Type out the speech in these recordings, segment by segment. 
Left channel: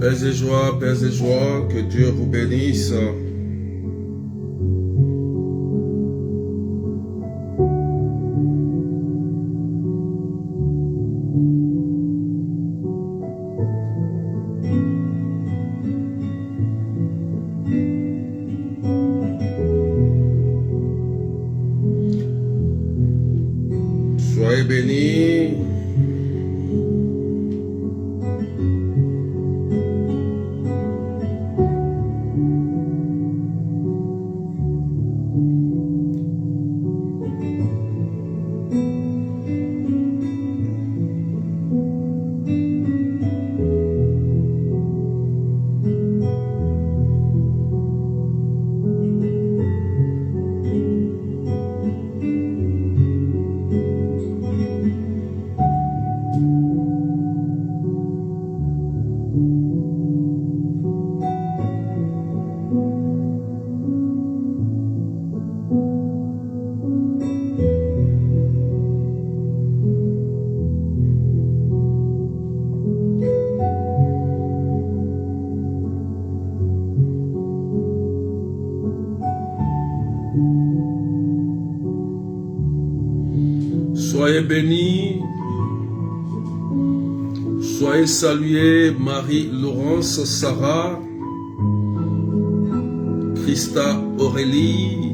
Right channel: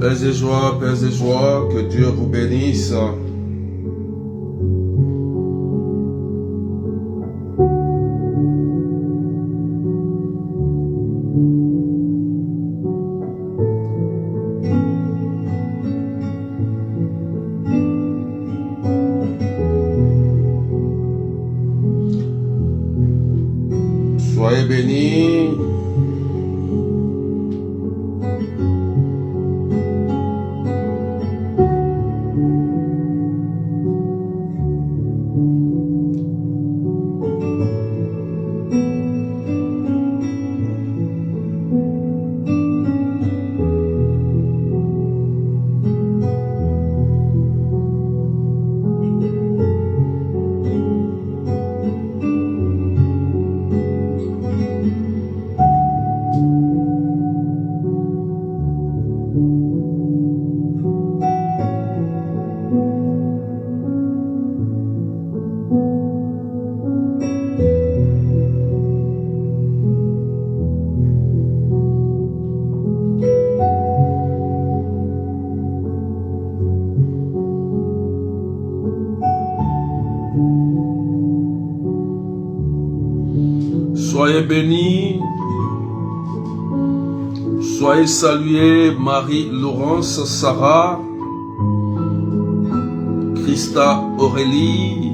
Pères et joie, que Dieu vous bénisse. Soyez bénis. Soyez bénis, soyez salués Marie-Laurence Sarah, Christa Aurélie,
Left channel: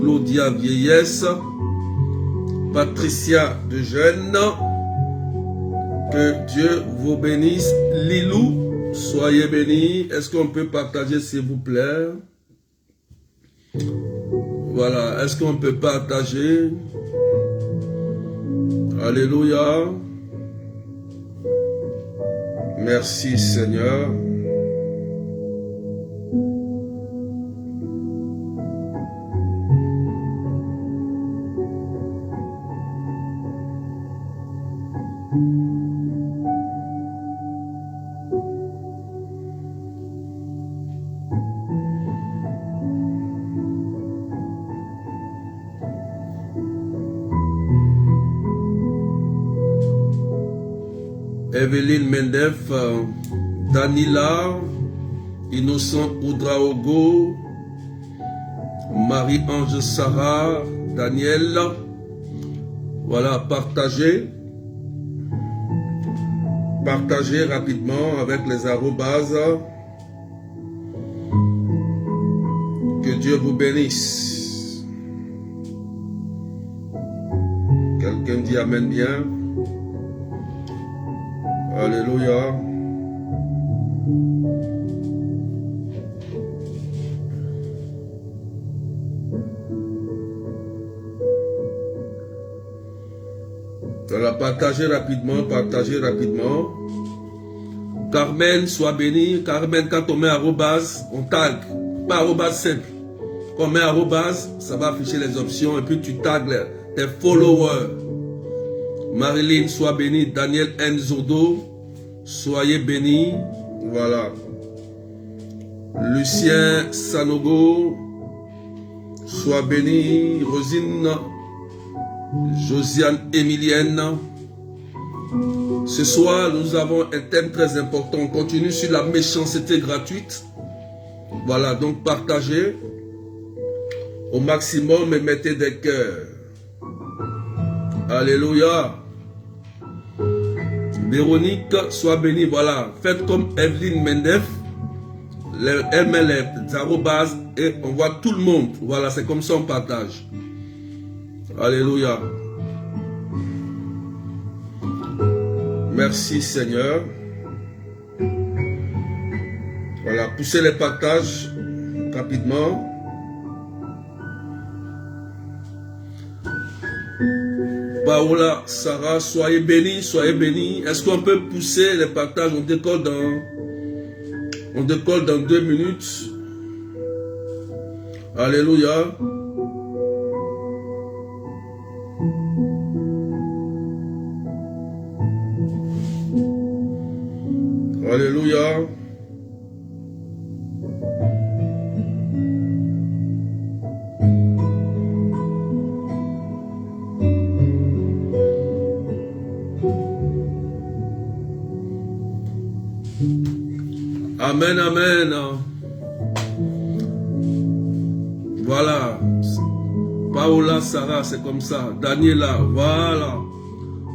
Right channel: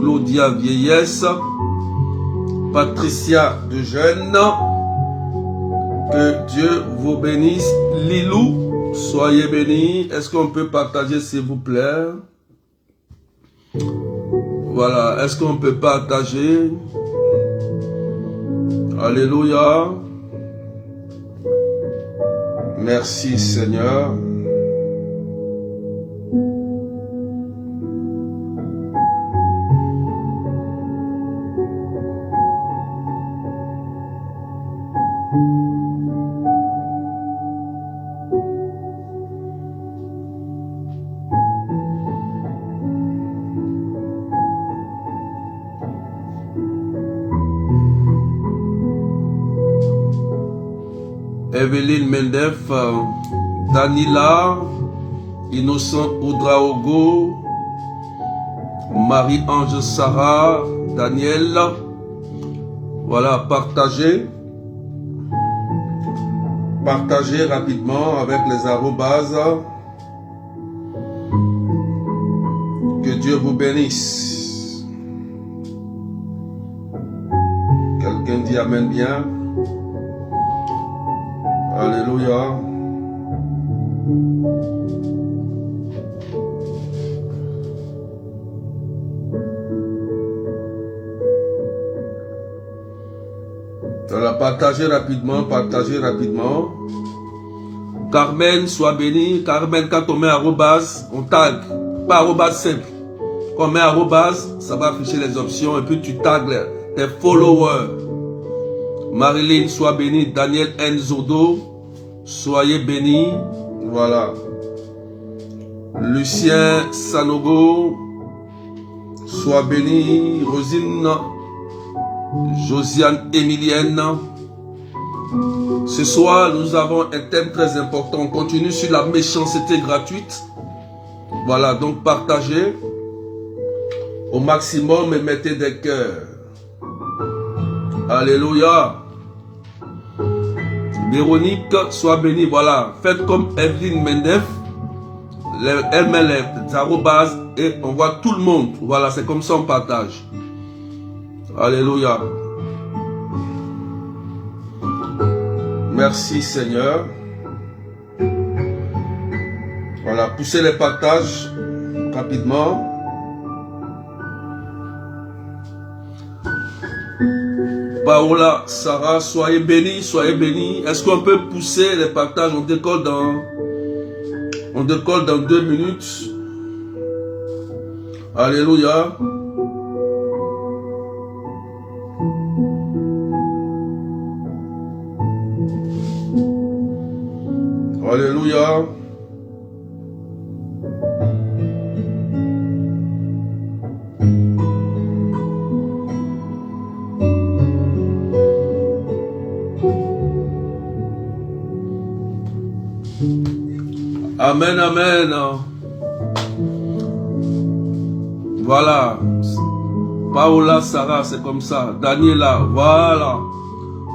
Claudia Vieillesse, Patricia de Jeune, que Dieu vous bénisse. Lilou, soyez bénis. Est-ce qu'on peut partager s'il vous plaît? Voilà, est-ce qu'on peut partager? Alléluia. Merci Seigneur. Evelyne Mendef, Danila, Innocent Oudraogo, Marie-Ange Sarah, Daniel. Voilà, partagez. Partagez rapidement avec les arrobases. Que Dieu vous bénisse. Quelqu'un dit Amen bien. Alléluia. Voilà, partagez rapidement, partagez rapidement. Carmen, sois béni. Carmen, quand on met arrobase, on tag. Pas arrobase simple. Quand on met arrobase, ça va afficher les options et puis tu tags tes followers. Marilyn, sois béni. Daniel Nzodo, soyez béni. Voilà. Lucien Sanogo, sois béni. Rosine, Josiane Emilienne. Ce soir, nous avons un thème très important. On continue sur la méchanceté gratuite. Voilà, donc partagez au maximum et mettez des cœurs. Alléluia. Véronique, sois bénie. Voilà, faites comme Evelyne Mendef. Elle met les arrobases et on voit tout le monde. Voilà, c'est comme ça on partage. Alléluia. Merci Seigneur. Voilà, poussez les partages rapidement. Paola, Sarah, soyez bénis, soyez bénis. Est-ce qu'on peut pousser les partages? On décolle dans 2 minutes. Alléluia. Alléluia. Amen, amen. Voilà. Paola, Sarah, c'est comme ça. Daniela, voilà.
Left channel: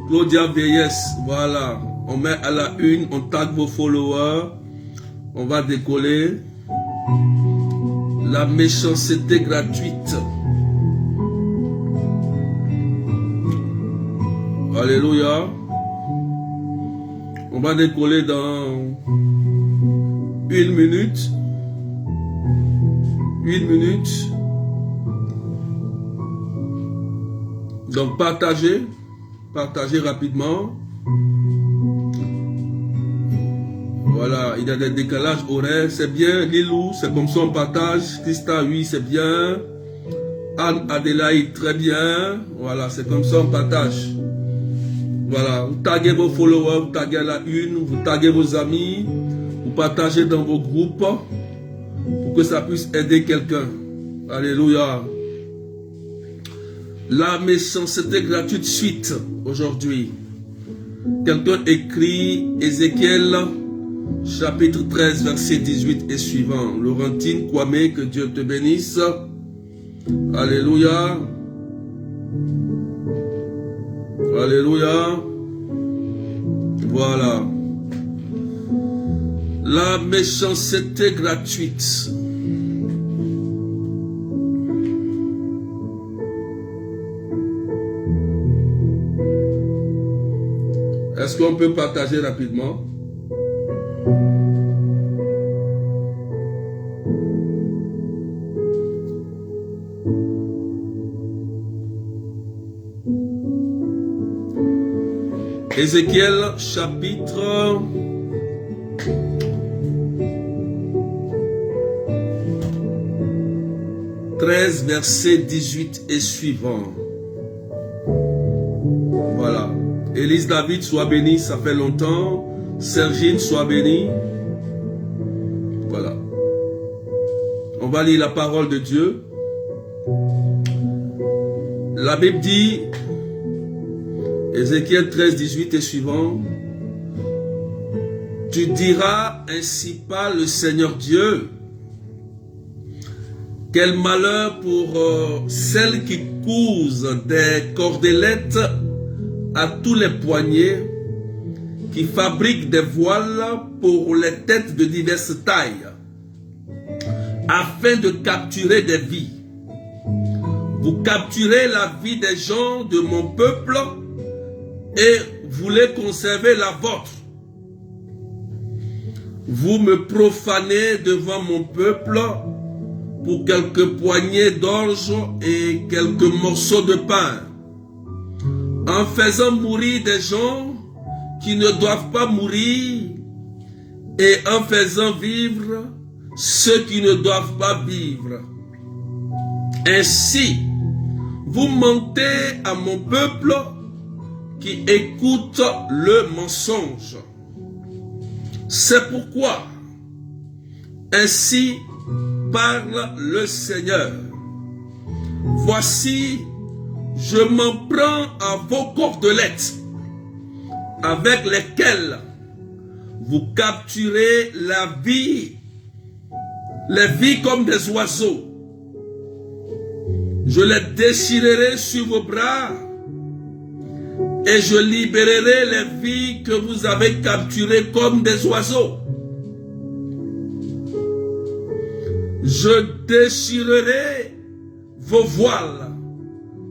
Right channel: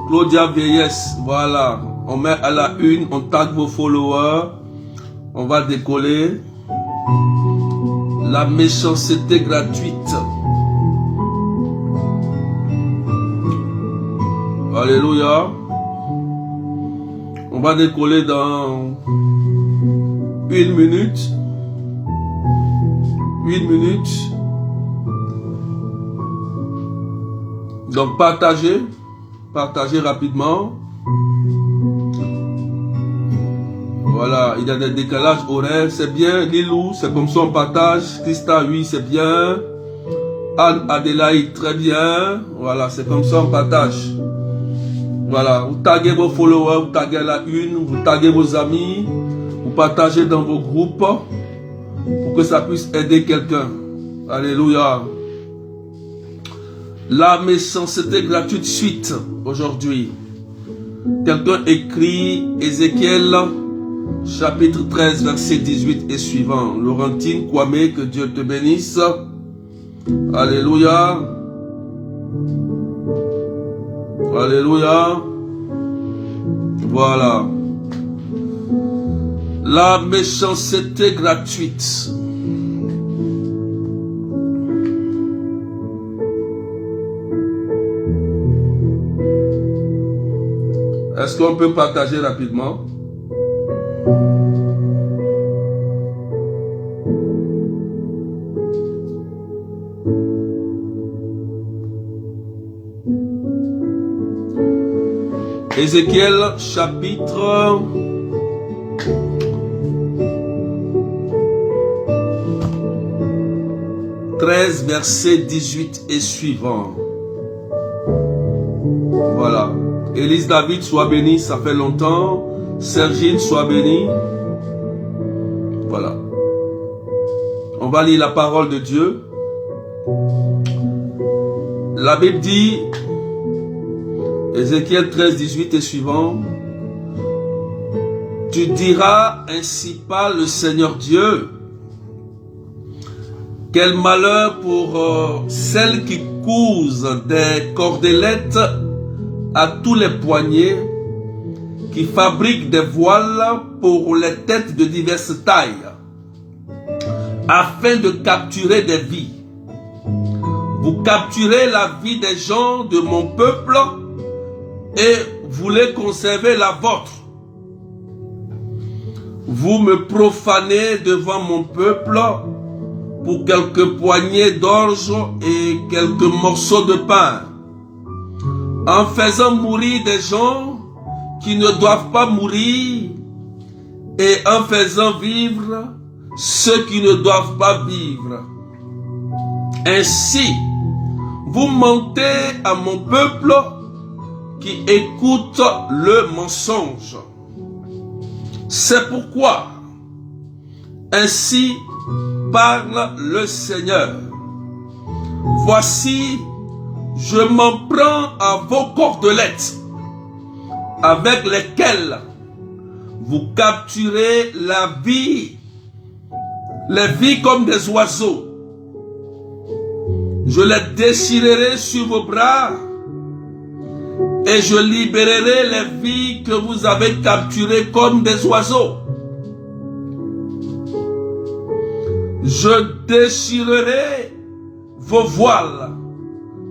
Claudia Vieillesse, voilà. On met à la une, on tag vos followers. On va décoller. La méchanceté gratuite. Alléluia. On va décoller dans 1 minute. 1 minute. Donc partagez rapidement. Voilà, il y a des décalages horaires, c'est bien. Lilou, c'est comme ça on partage. Christa, oui, c'est bien. Anne Adélaïde, très bien. Voilà, c'est comme ça on partage. Voilà, vous taguez vos followers, vous taguez la une, vous taguez vos amis, vous partagez dans vos groupes pour que ça puisse aider quelqu'un. Alléluia. La méchanceté gratuite suite aujourd'hui. Quelqu'un écrit Ézéchiel chapitre 13 verset 18 et suivant. Laurentine Kwame, que Dieu te bénisse. Alléluia. Alléluia. Voilà. La méchanceté gratuite. Est-ce qu'on peut partager rapidement? Ézéchiel chapitre 13 verset 18 et suivant. Voilà. Élise David, sois bénie, ça fait longtemps. Sergine, sois bénie. Voilà. On va lire la parole de Dieu. La Bible dit, Ézéchiel 13, 18 et suivant, tu diras, ainsi parle le Seigneur Dieu, quel malheur pour celles qui cousent des cordelettes à tous les poignets, qui fabriquent des voiles pour les têtes de diverses tailles, afin de capturer des vies. Vous capturez la vie des gens de mon peuple et voulez conserver la vôtre. Vous me profanez devant mon peuple pour quelques poignées d'orge et quelques morceaux de pain, en faisant mourir des gens qui ne doivent pas mourir et en faisant vivre ceux qui ne doivent pas vivre. Ainsi, vous mentez à mon peuple qui écoute le mensonge. C'est pourquoi, ainsi parle le Seigneur. Voici, je m'en prends à vos cordelettes, avec lesquelles vous capturez la vie, les vies comme des oiseaux. Je les déchirerai sur vos bras et je libérerai les vies que vous avez capturées comme des oiseaux. Je déchirerai vos voiles.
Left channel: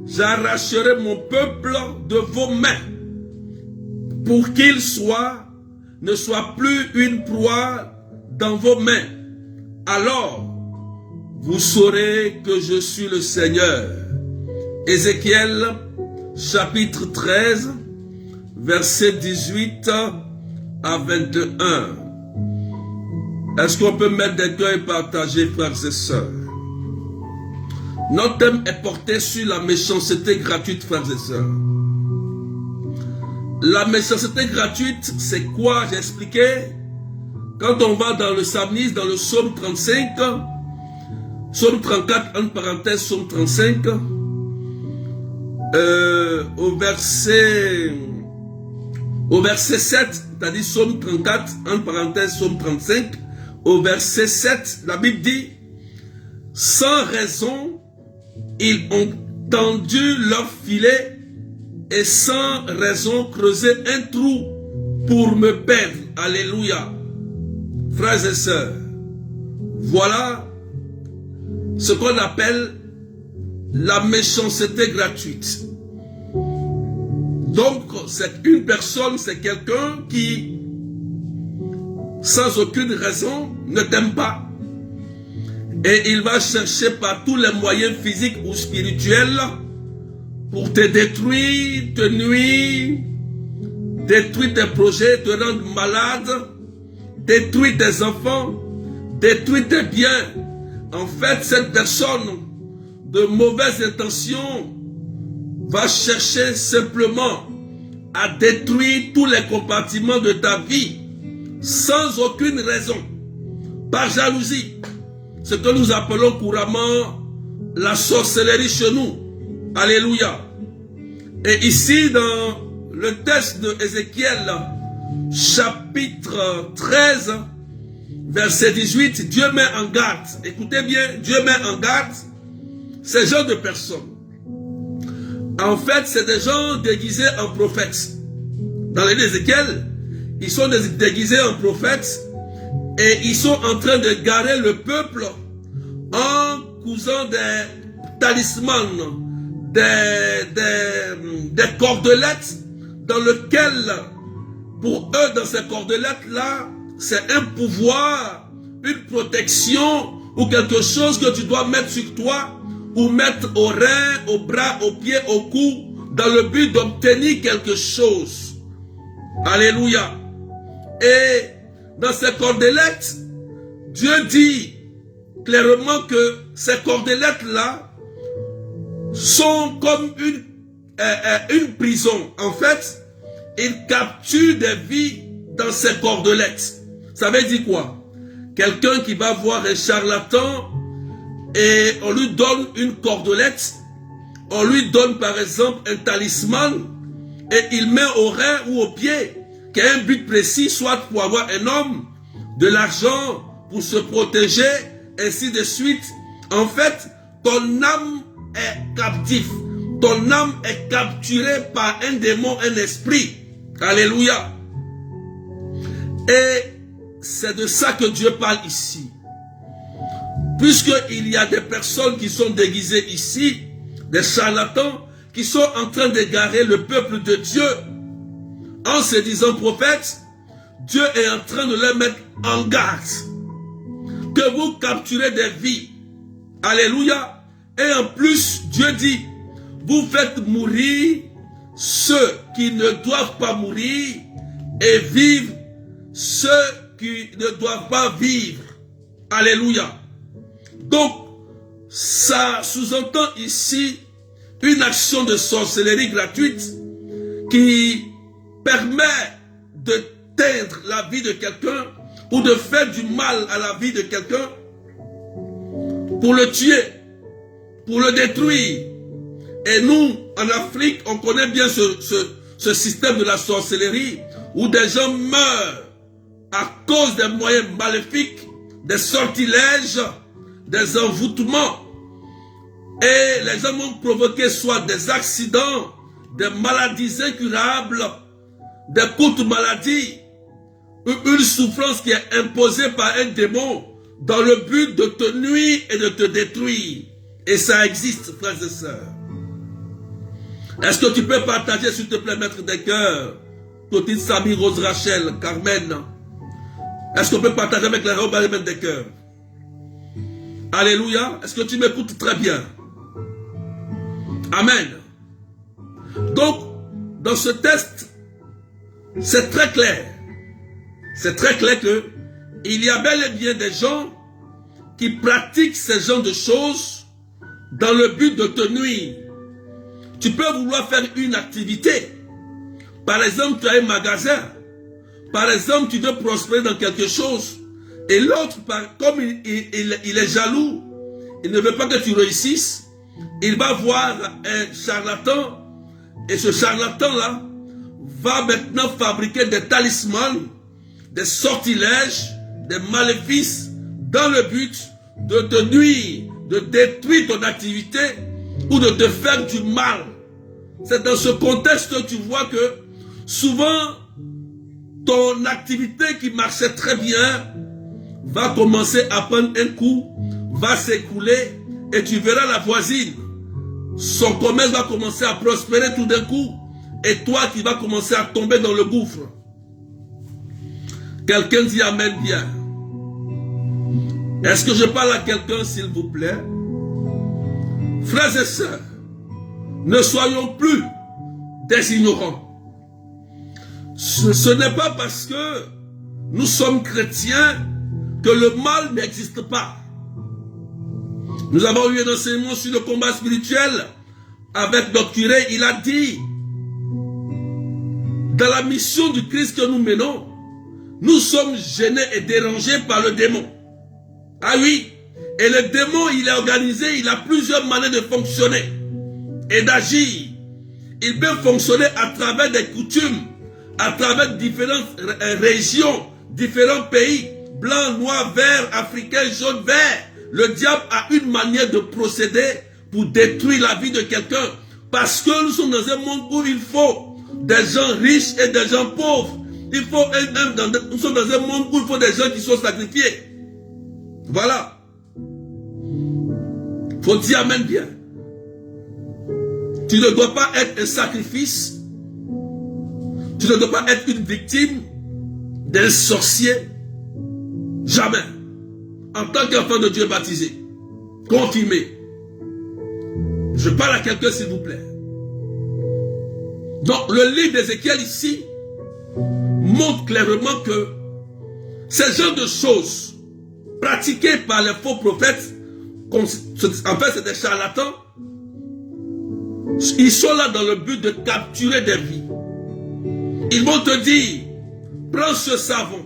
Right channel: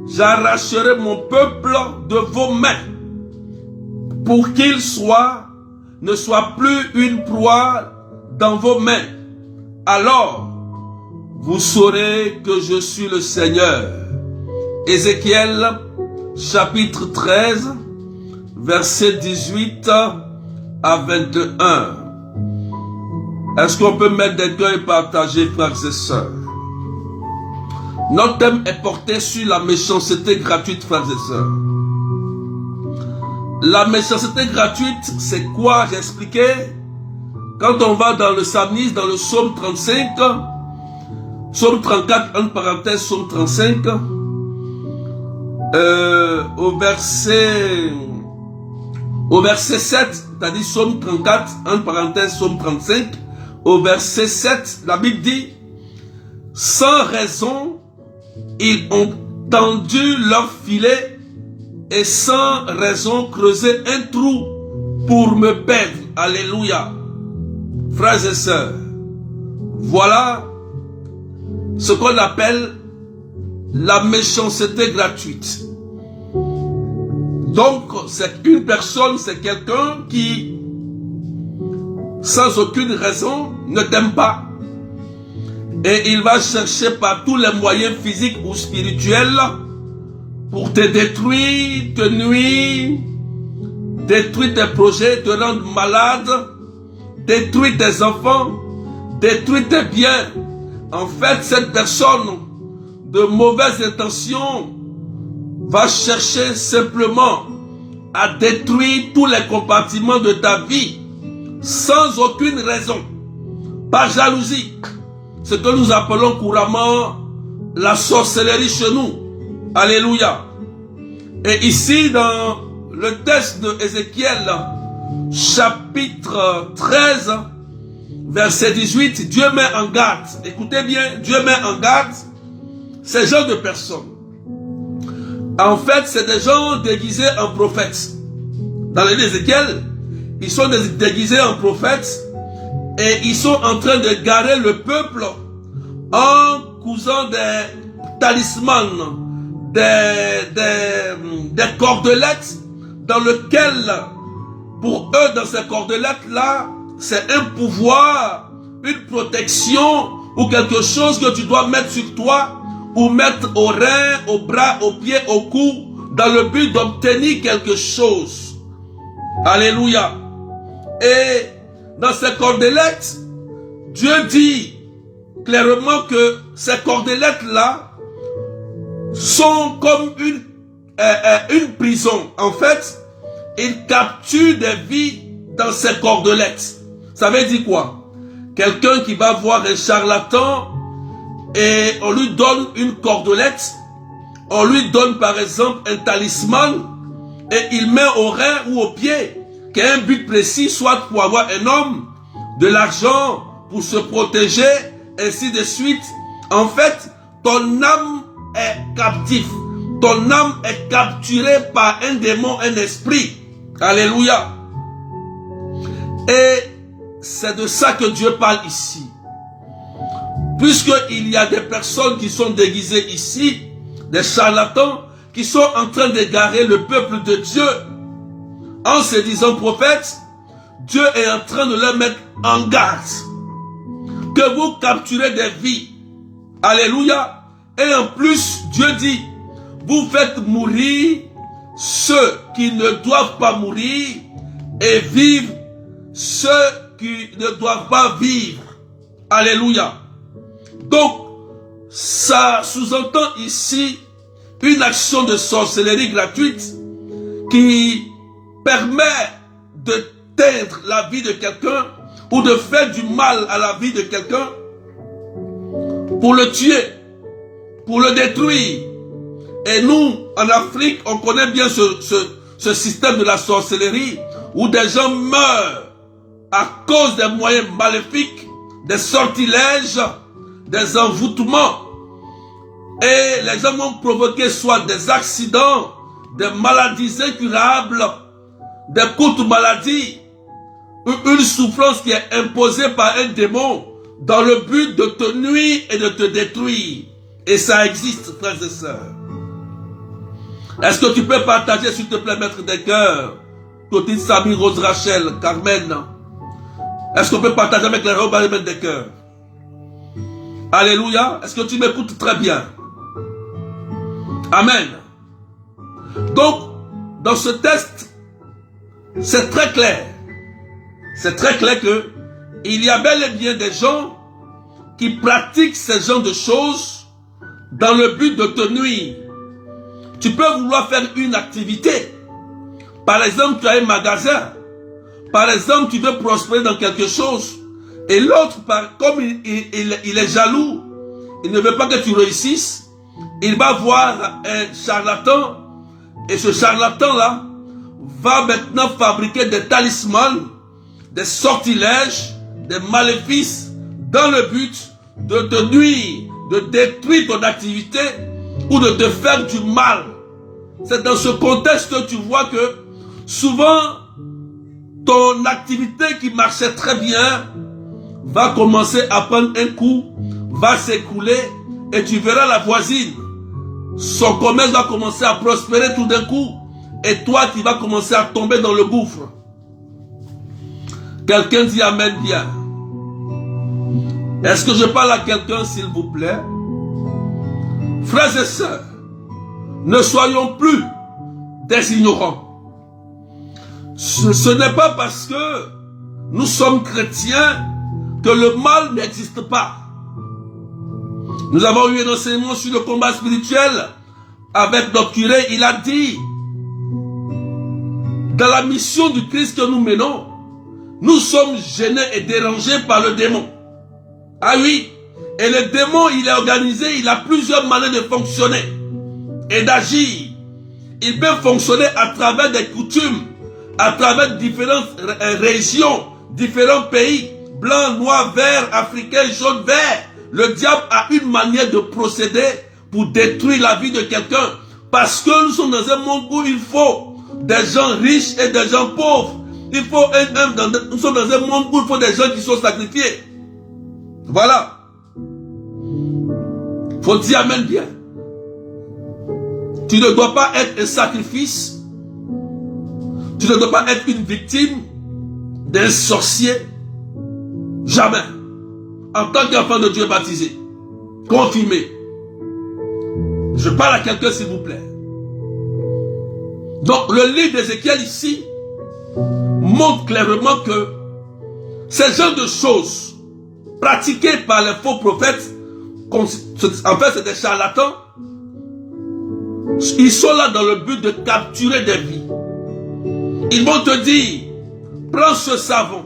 J'arracherai mon peuple de vos mains pour qu'il ne soit plus une proie dans vos mains. Alors, vous saurez que je suis le Seigneur. Ézéchiel chapitre 13, verset 18 à 21. Est-ce qu'on peut mettre des cœurs et partager, frères et sœurs? Notre thème est porté sur la méchanceté gratuite, frères et sœurs. La méchanceté gratuite, c'est quoi? J'ai expliqué. Quand on va dans le psalmiste, dans le psaume 35, psaume 34, entre parenthèses, psaume 35, au verset 7, c'est-à-dire psaume 34, entre parenthèses, psaume 35, au verset 7, la Bible dit, sans raison, ils ont tendu leur filet et sans raison creusé un trou pour me perdre. Alléluia. Frères et sœurs, voilà ce qu'on appelle la méchanceté gratuite. Donc, c'est une personne, c'est quelqu'un qui, sans aucune raison, ne t'aime pas. Et il va chercher par tous les moyens physiques ou spirituels pour te détruire, te nuire, détruire tes projets, te rendre malade, détruire tes enfants, détruire tes biens. En fait, cette personne de mauvaise intention va chercher simplement à détruire tous les compartiments de ta vie sans aucune raison, par jalousie. Ce que nous appelons couramment la sorcellerie chez nous. Alléluia. Et ici dans le texte de Ézéchiel, chapitre 13, verset 18, Dieu met en garde. Écoutez bien, Dieu met en garde ces genres de personnes. En fait, c'est des gens déguisés en prophètes. Dans les livre d'Ézéchiel, ils sont déguisés en prophètes et ils sont en train de garer le peuple en cousant des talismans, des cordelettes dans lesquelles, pour eux, dans ces cordelettes-là, c'est un pouvoir, une protection ou quelque chose que tu dois mettre sur toi ou mettre au rein, au bras, au pied, au cou, dans le but d'obtenir quelque chose. Alléluia. Et dans ces cordelettes, Dieu dit clairement que ces cordelettes-là sont comme une prison. En fait, ils capturent des vies dans ces cordelettes. Ça veut dire quoi? Quelqu'un qui va voir un charlatan et on lui donne une cordelette, on lui donne par exemple un talisman et il met au rein ou au pied qui a un but précis, soit pour avoir un homme, de l'argent, pour se protéger, ainsi de suite. En fait, ton âme est captive. Ton âme est capturée par un démon, un esprit. Alléluia. Et c'est de ça que Dieu parle ici. Puisqu'il y a des personnes qui sont déguisées ici, des charlatans, qui sont en train d'égarer le peuple de Dieu, en se disant prophètes, Dieu est en train de leur mettre en garde. Que vous capturez des vies. Alléluia. Et en plus, Dieu dit, vous faites mourir ceux qui ne doivent pas mourir et vivre ceux qui ne doivent pas vivre. Alléluia. Donc, ça sous-entend ici une action de sorcellerie gratuite qui permet de teindre la vie de quelqu'un ou de faire du mal à la vie de quelqu'un pour le tuer, pour le détruire. Et nous, en Afrique, on connaît bien ce système de la sorcellerie où des gens meurent à cause des moyens maléfiques, des sortilèges, des envoûtements. Et les gens vont provoquer soit des accidents, des maladies incurables, des courtes maladies, une souffrance qui est imposée par un démon dans le but de te nuire et de te détruire. Et ça existe, frères et sœurs. Est-ce que tu peux partager, s'il te plaît, maître des cœurs, Clotilde, Samy, Rose, Rachel, Carmen? Est-ce qu'on peut partager avec les robes des cœurs? Alléluia. Est-ce que tu m'écoutes très bien? Amen. Donc, dans ce texte, c'est très clair. C'est très clair que il y a bel et bien des gens qui pratiquent ce genre de choses dans le but de te nuire. Tu peux vouloir faire une activité. Par exemple, tu as un magasin. Par exemple, tu veux prospérer dans quelque chose. Et l'autre, comme il est jaloux, il ne veut pas que tu réussisses, il va voir un charlatan. Et ce charlatan-là va maintenant fabriquer des talismans, des sortilèges, des maléfices dans le but de te nuire, de détruire ton activité ou de te faire du mal. C'est dans ce contexte que tu vois que souvent ton activité qui marchait très bien va commencer à prendre un coup, va s'écrouler et tu verras la voisine. Son commerce va commencer à prospérer tout d'un coup et toi tu vas commencer à tomber dans le gouffre. Quelqu'un dit amen bien. Est-ce que je parle à quelqu'un s'il vous plaît? Frères et sœurs, ne soyons plus des ignorants. Ce n'est pas parce que nous sommes chrétiens que le mal n'existe pas. Nous avons eu un enseignement sur le combat spirituel avec notre curé. Il a dit, dans la mission du Christ que nous menons, nous sommes gênés et dérangés par le démon. Ah oui, et le démon, il est organisé, il a plusieurs manières de fonctionner et d'agir. Il peut fonctionner à travers des coutumes, à travers différentes régions, différents pays, blanc, noir, vert, africain, jaune, vert. Le diable a une manière de procéder pour détruire la vie de quelqu'un. Parce que nous sommes dans un monde où il faut des gens riches et des gens pauvres. Nous sommes dans un monde où il faut des gens qui sont sacrifiés. Voilà. Il faut dire amen bien. Tu ne dois pas être un sacrifice. Tu ne dois pas être une victime d'un sorcier. Jamais. En tant qu'enfant de Dieu baptisé, confirmé. Je parle à quelqu'un s'il vous plaît. Donc le livre d'Ézéchiel ici montre clairement que ces genres de choses pratiquées par les faux prophètes, en fait c'est des charlatans, ils sont là dans le but de capturer des vies. Ils vont te dire, prends ce savon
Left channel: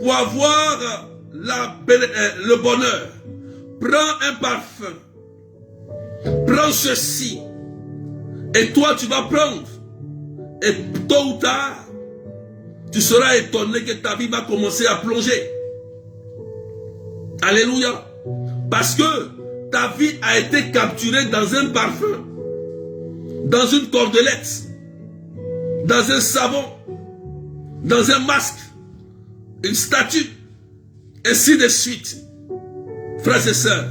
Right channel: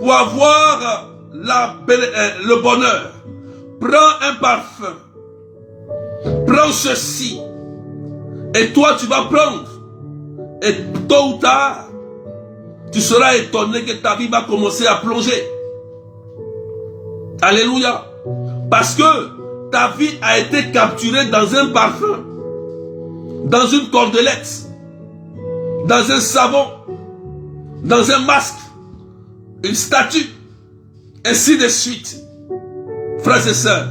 pour avoir le bonheur. Prends un parfum. Prends ceci. Et toi tu vas prendre. Et tôt ou tard, tu seras étonné que ta vie va commencer à plonger. Alléluia. Parce que ta vie a été capturée dans un parfum, dans une cordelette, dans un savon, dans un masque, une statue, ainsi de suite. Frères et sœurs,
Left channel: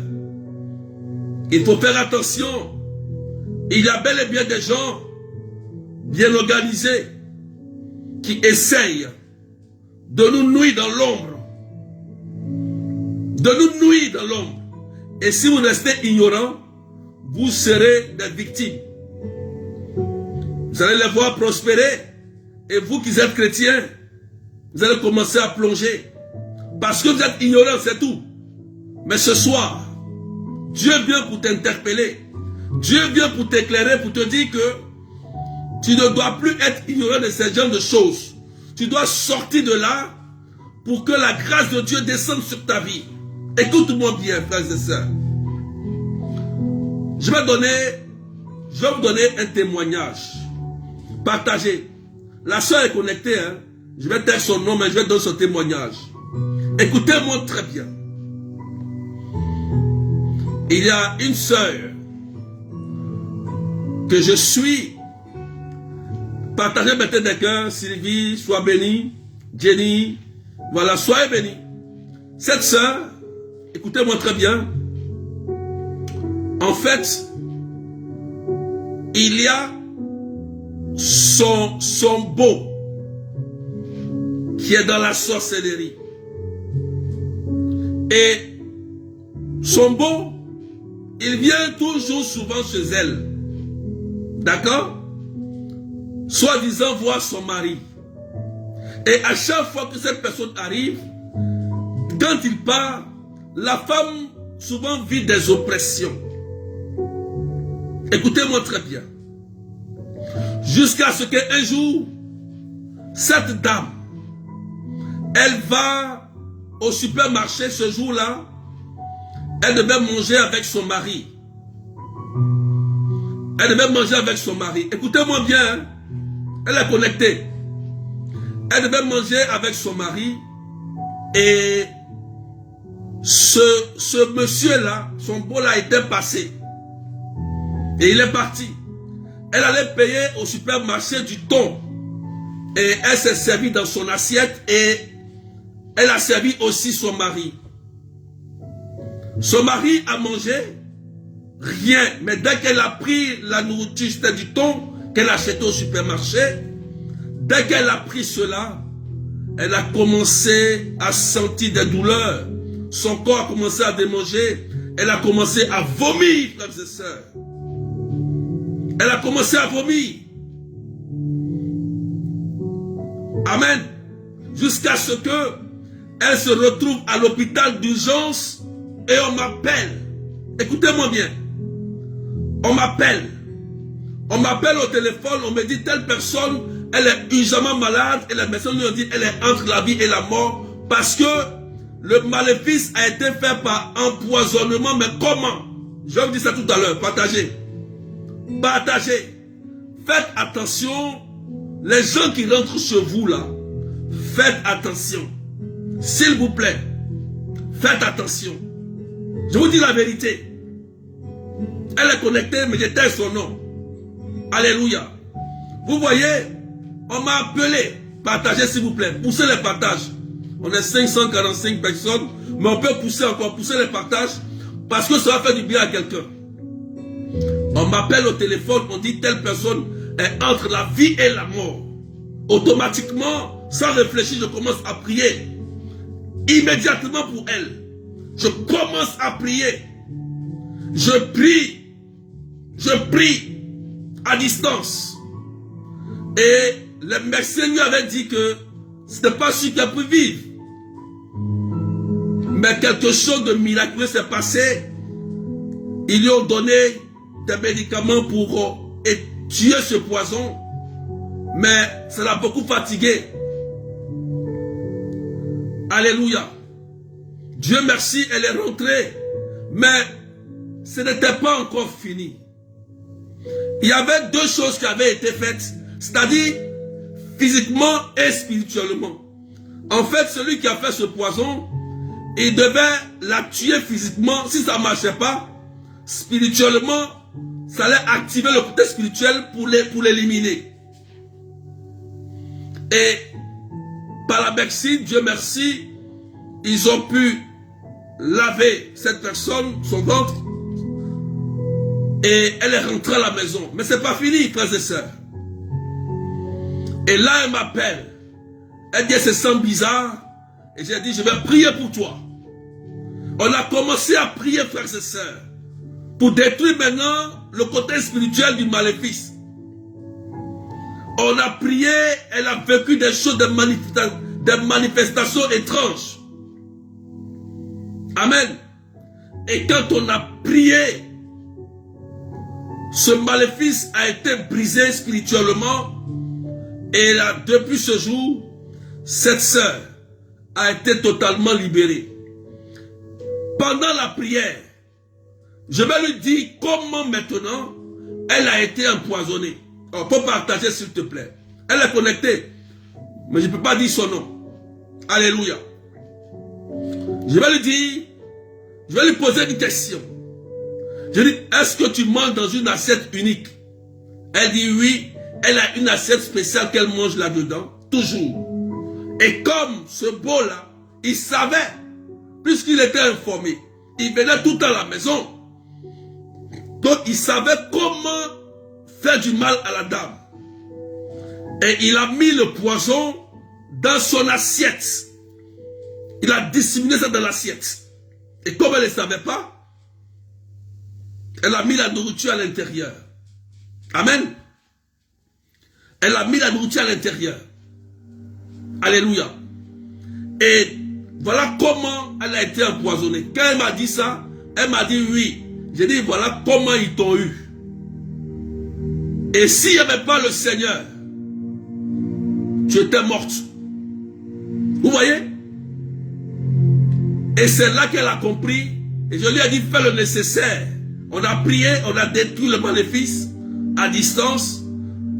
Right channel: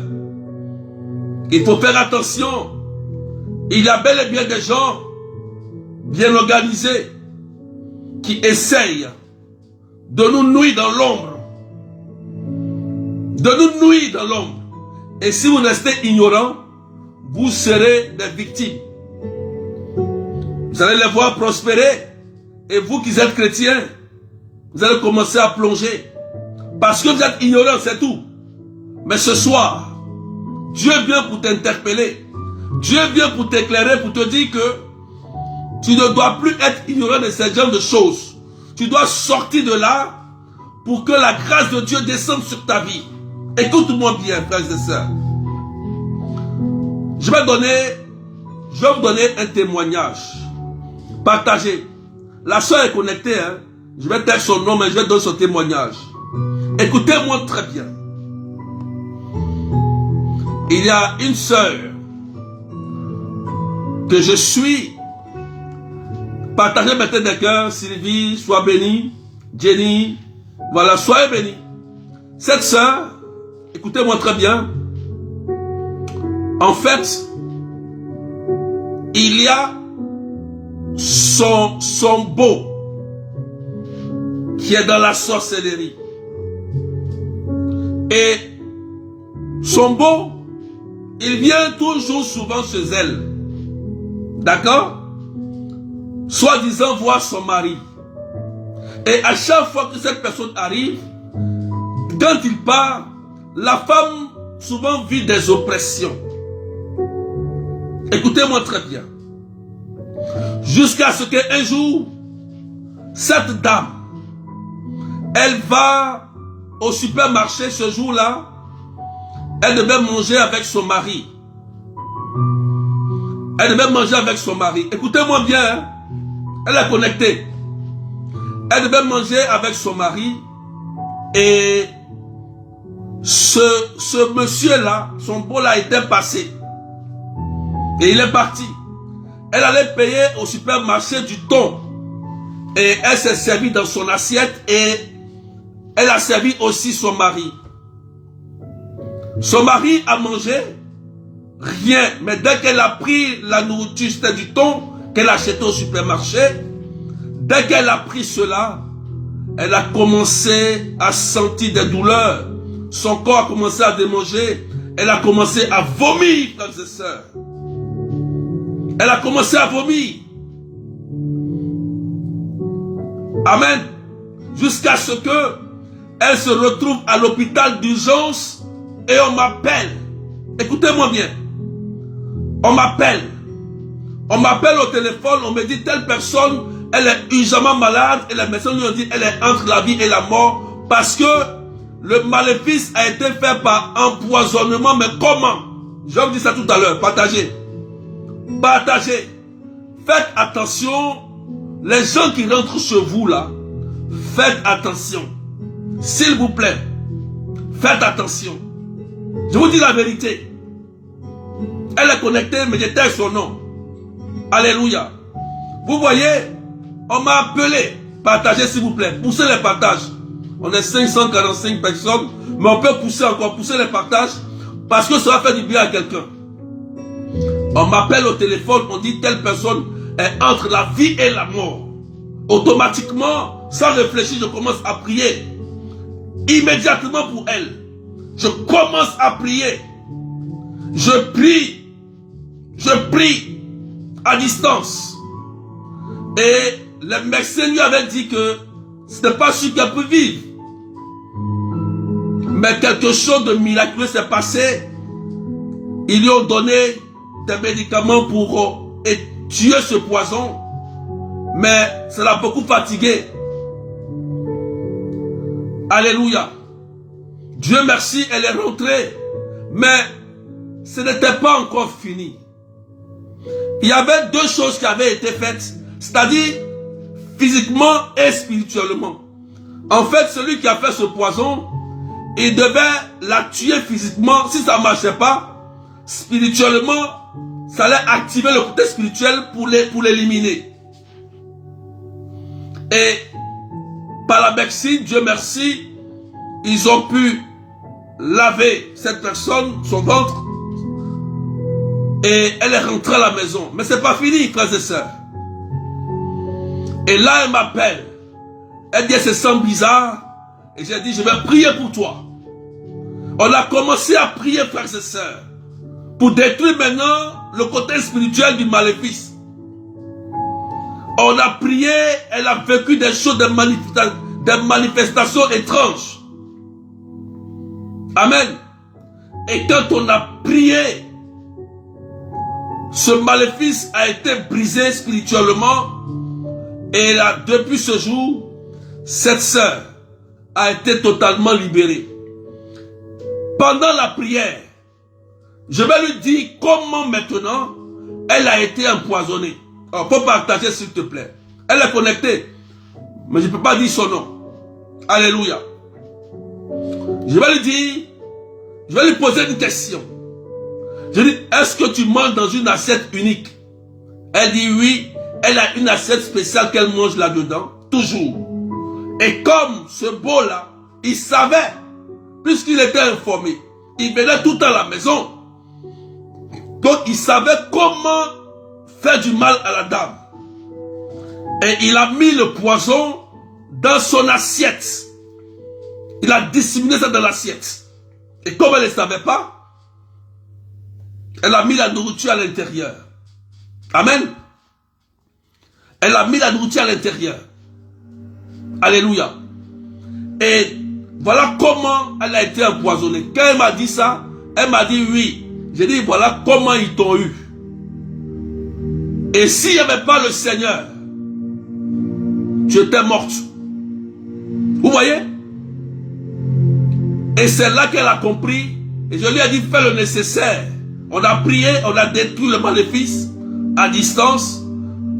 il faut faire attention. Il y a bel et bien des gens bien organisés qui essayent de nous nuire dans l'ombre. De nous nuire dans l'ombre. Et si vous restez ignorants, vous serez des victimes. Vous allez les voir prospérer. Et vous qui êtes chrétiens, vous allez commencer à plonger. Parce que vous êtes ignorants, c'est tout. Mais ce soir, Dieu vient pour t'interpeller. Dieu vient pour t'éclairer, pour te dire que tu ne dois plus être ignorant de ces genres de choses. Tu dois sortir de là pour que la grâce de Dieu descende sur ta vie. Écoute-moi bien, frères et sœurs. Je vais vous donner un témoignage. Partagez. La sœur est connectée. Hein? Je vais taire son nom, mais je vais donner son témoignage. Écoutez-moi très bien. Il y a une sœur que je suis. Partagez maintenant des cœurs. Sylvie, sois bénie. Jenny, voilà, soyez bénie. Cette sœur, écoutez-moi très bien. En fait, il y a son beau qui est dans la sorcellerie. Et son beau, il vient toujours souvent chez elle. D'accord? Soi-disant voir son mari. Et à chaque fois que cette personne arrive, quand il part, la femme souvent vit des oppressions. Écoutez-moi très bien. Jusqu'à ce qu'un jour, cette dame, elle va au supermarché ce jour-là, elle devait manger avec son mari. Elle devait manger avec son mari. Écoutez-moi bien, hein? Elle est connectée. Elle devait manger avec son mari. Et ce monsieur-là, son bol a été passé. Et il est parti. Elle allait payer au supermarché du thon. Et elle s'est servie dans son assiette et elle a servi aussi son mari. Son mari a mangé rien. Mais dès qu'elle a pris la nourriture, c'était du thon qu'elle a acheté au supermarché. Dès qu'elle a pris cela, elle a commencé à sentir des douleurs. Son corps a commencé à démanger. Elle a commencé à vomir, frères et sœurs. Elle a commencé à vomir. Amen. Jusqu'à ce que elle se retrouve à l'hôpital d'urgence et on m'appelle. Écoutez-moi bien. On m'appelle. On m'appelle au téléphone, on me dit telle personne, elle est urgemment malade et la médecin nous dit elle est entre la vie et la mort parce que le maléfice a été fait par empoisonnement. Mais comment? Je vous dis ça tout à l'heure. Partagez. Partagez. Faites attention. Les gens qui rentrent chez vous là, faites attention. S'il vous plaît, faites attention. Je vous dis la vérité. Elle est connectée, mais j'étais son nom. Alléluia. Vous voyez, on m'a appelé. Partagez s'il vous plaît. Poussez les partages. On est 545 personnes, mais on peut pousser encore, pousser les partages, parce que ça va faire du bien à quelqu'un. On m'appelle au téléphone, on dit telle personne est entre la vie et la mort. Automatiquement, sans réfléchir, je commence à prier. Immédiatement pour elle. Je commence à prier. Je prie à distance. Et les médecins lui avaient dit que ce n'est pas sûr qu'elle peut vivre. Mais quelque chose de miraculeux s'est passé. Ils lui ont donné des médicaments pour tuer ce poison. Mais ça l'a beaucoup fatigué. Alléluia. Dieu merci, elle est rentrée. Mais ce n'était pas encore fini. Il y avait deux choses qui avaient été faites. C'est-à-dire physiquement et spirituellement. En fait, celui qui a fait ce poison, il devait la tuer physiquement. Si ça ne marchait pas, spirituellement, ça allait activer le côté spirituel pour l'éliminer. Et par la médecine, Dieu merci, ils ont pu laver cette personne, son ventre, et elle est rentrée à la maison. Mais ce n'est pas fini, frères et sœurs. Et là, elle m'appelle. Elle dit, elle se sent bizarre. Et j'ai dit, je vais prier pour toi. On a commencé à prier, frères et sœurs, pour détruire maintenant le côté spirituel du maléfice. On a prié, elle a vécu des choses, des manifestations étranges. Amen. Et quand on a prié, ce maléfice a été brisé spirituellement. Et là, depuis ce jour, cette sœur a été totalement libérée. Pendant la prière, je vais lui dire comment maintenant elle a été empoisonnée. Il faut partager s'il te plaît. Elle est connectée, mais je ne peux pas dire son nom. Alléluia. Je vais lui dire, je vais lui poser une question. Je dis, est-ce que tu manges dans une assiette unique? Elle dit oui. Elle a une assiette spéciale qu'elle mange là-dedans, toujours. Et comme ce beau-là, il savait, puisqu'il était informé, il venait tout le temps à la maison. Donc il savait comment faire du mal à la dame. Et il a mis le poison dans son assiette. Il a disséminé ça dans l'assiette. Et comme elle ne savait pas, elle a mis la nourriture à l'intérieur. Amen. Elle a mis la nourriture à l'intérieur. Alléluia. Et voilà comment elle a été empoisonnée. Quand elle m'a dit ça, elle m'a dit oui. J'ai dit voilà comment ils t'ont eu. Et s'il n'y avait pas le Seigneur, tu étais morte. Vous voyez? Et c'est là qu'elle a compris. Et je lui ai dit fais le nécessaire. On a prié, on a détruit le maléfice à distance.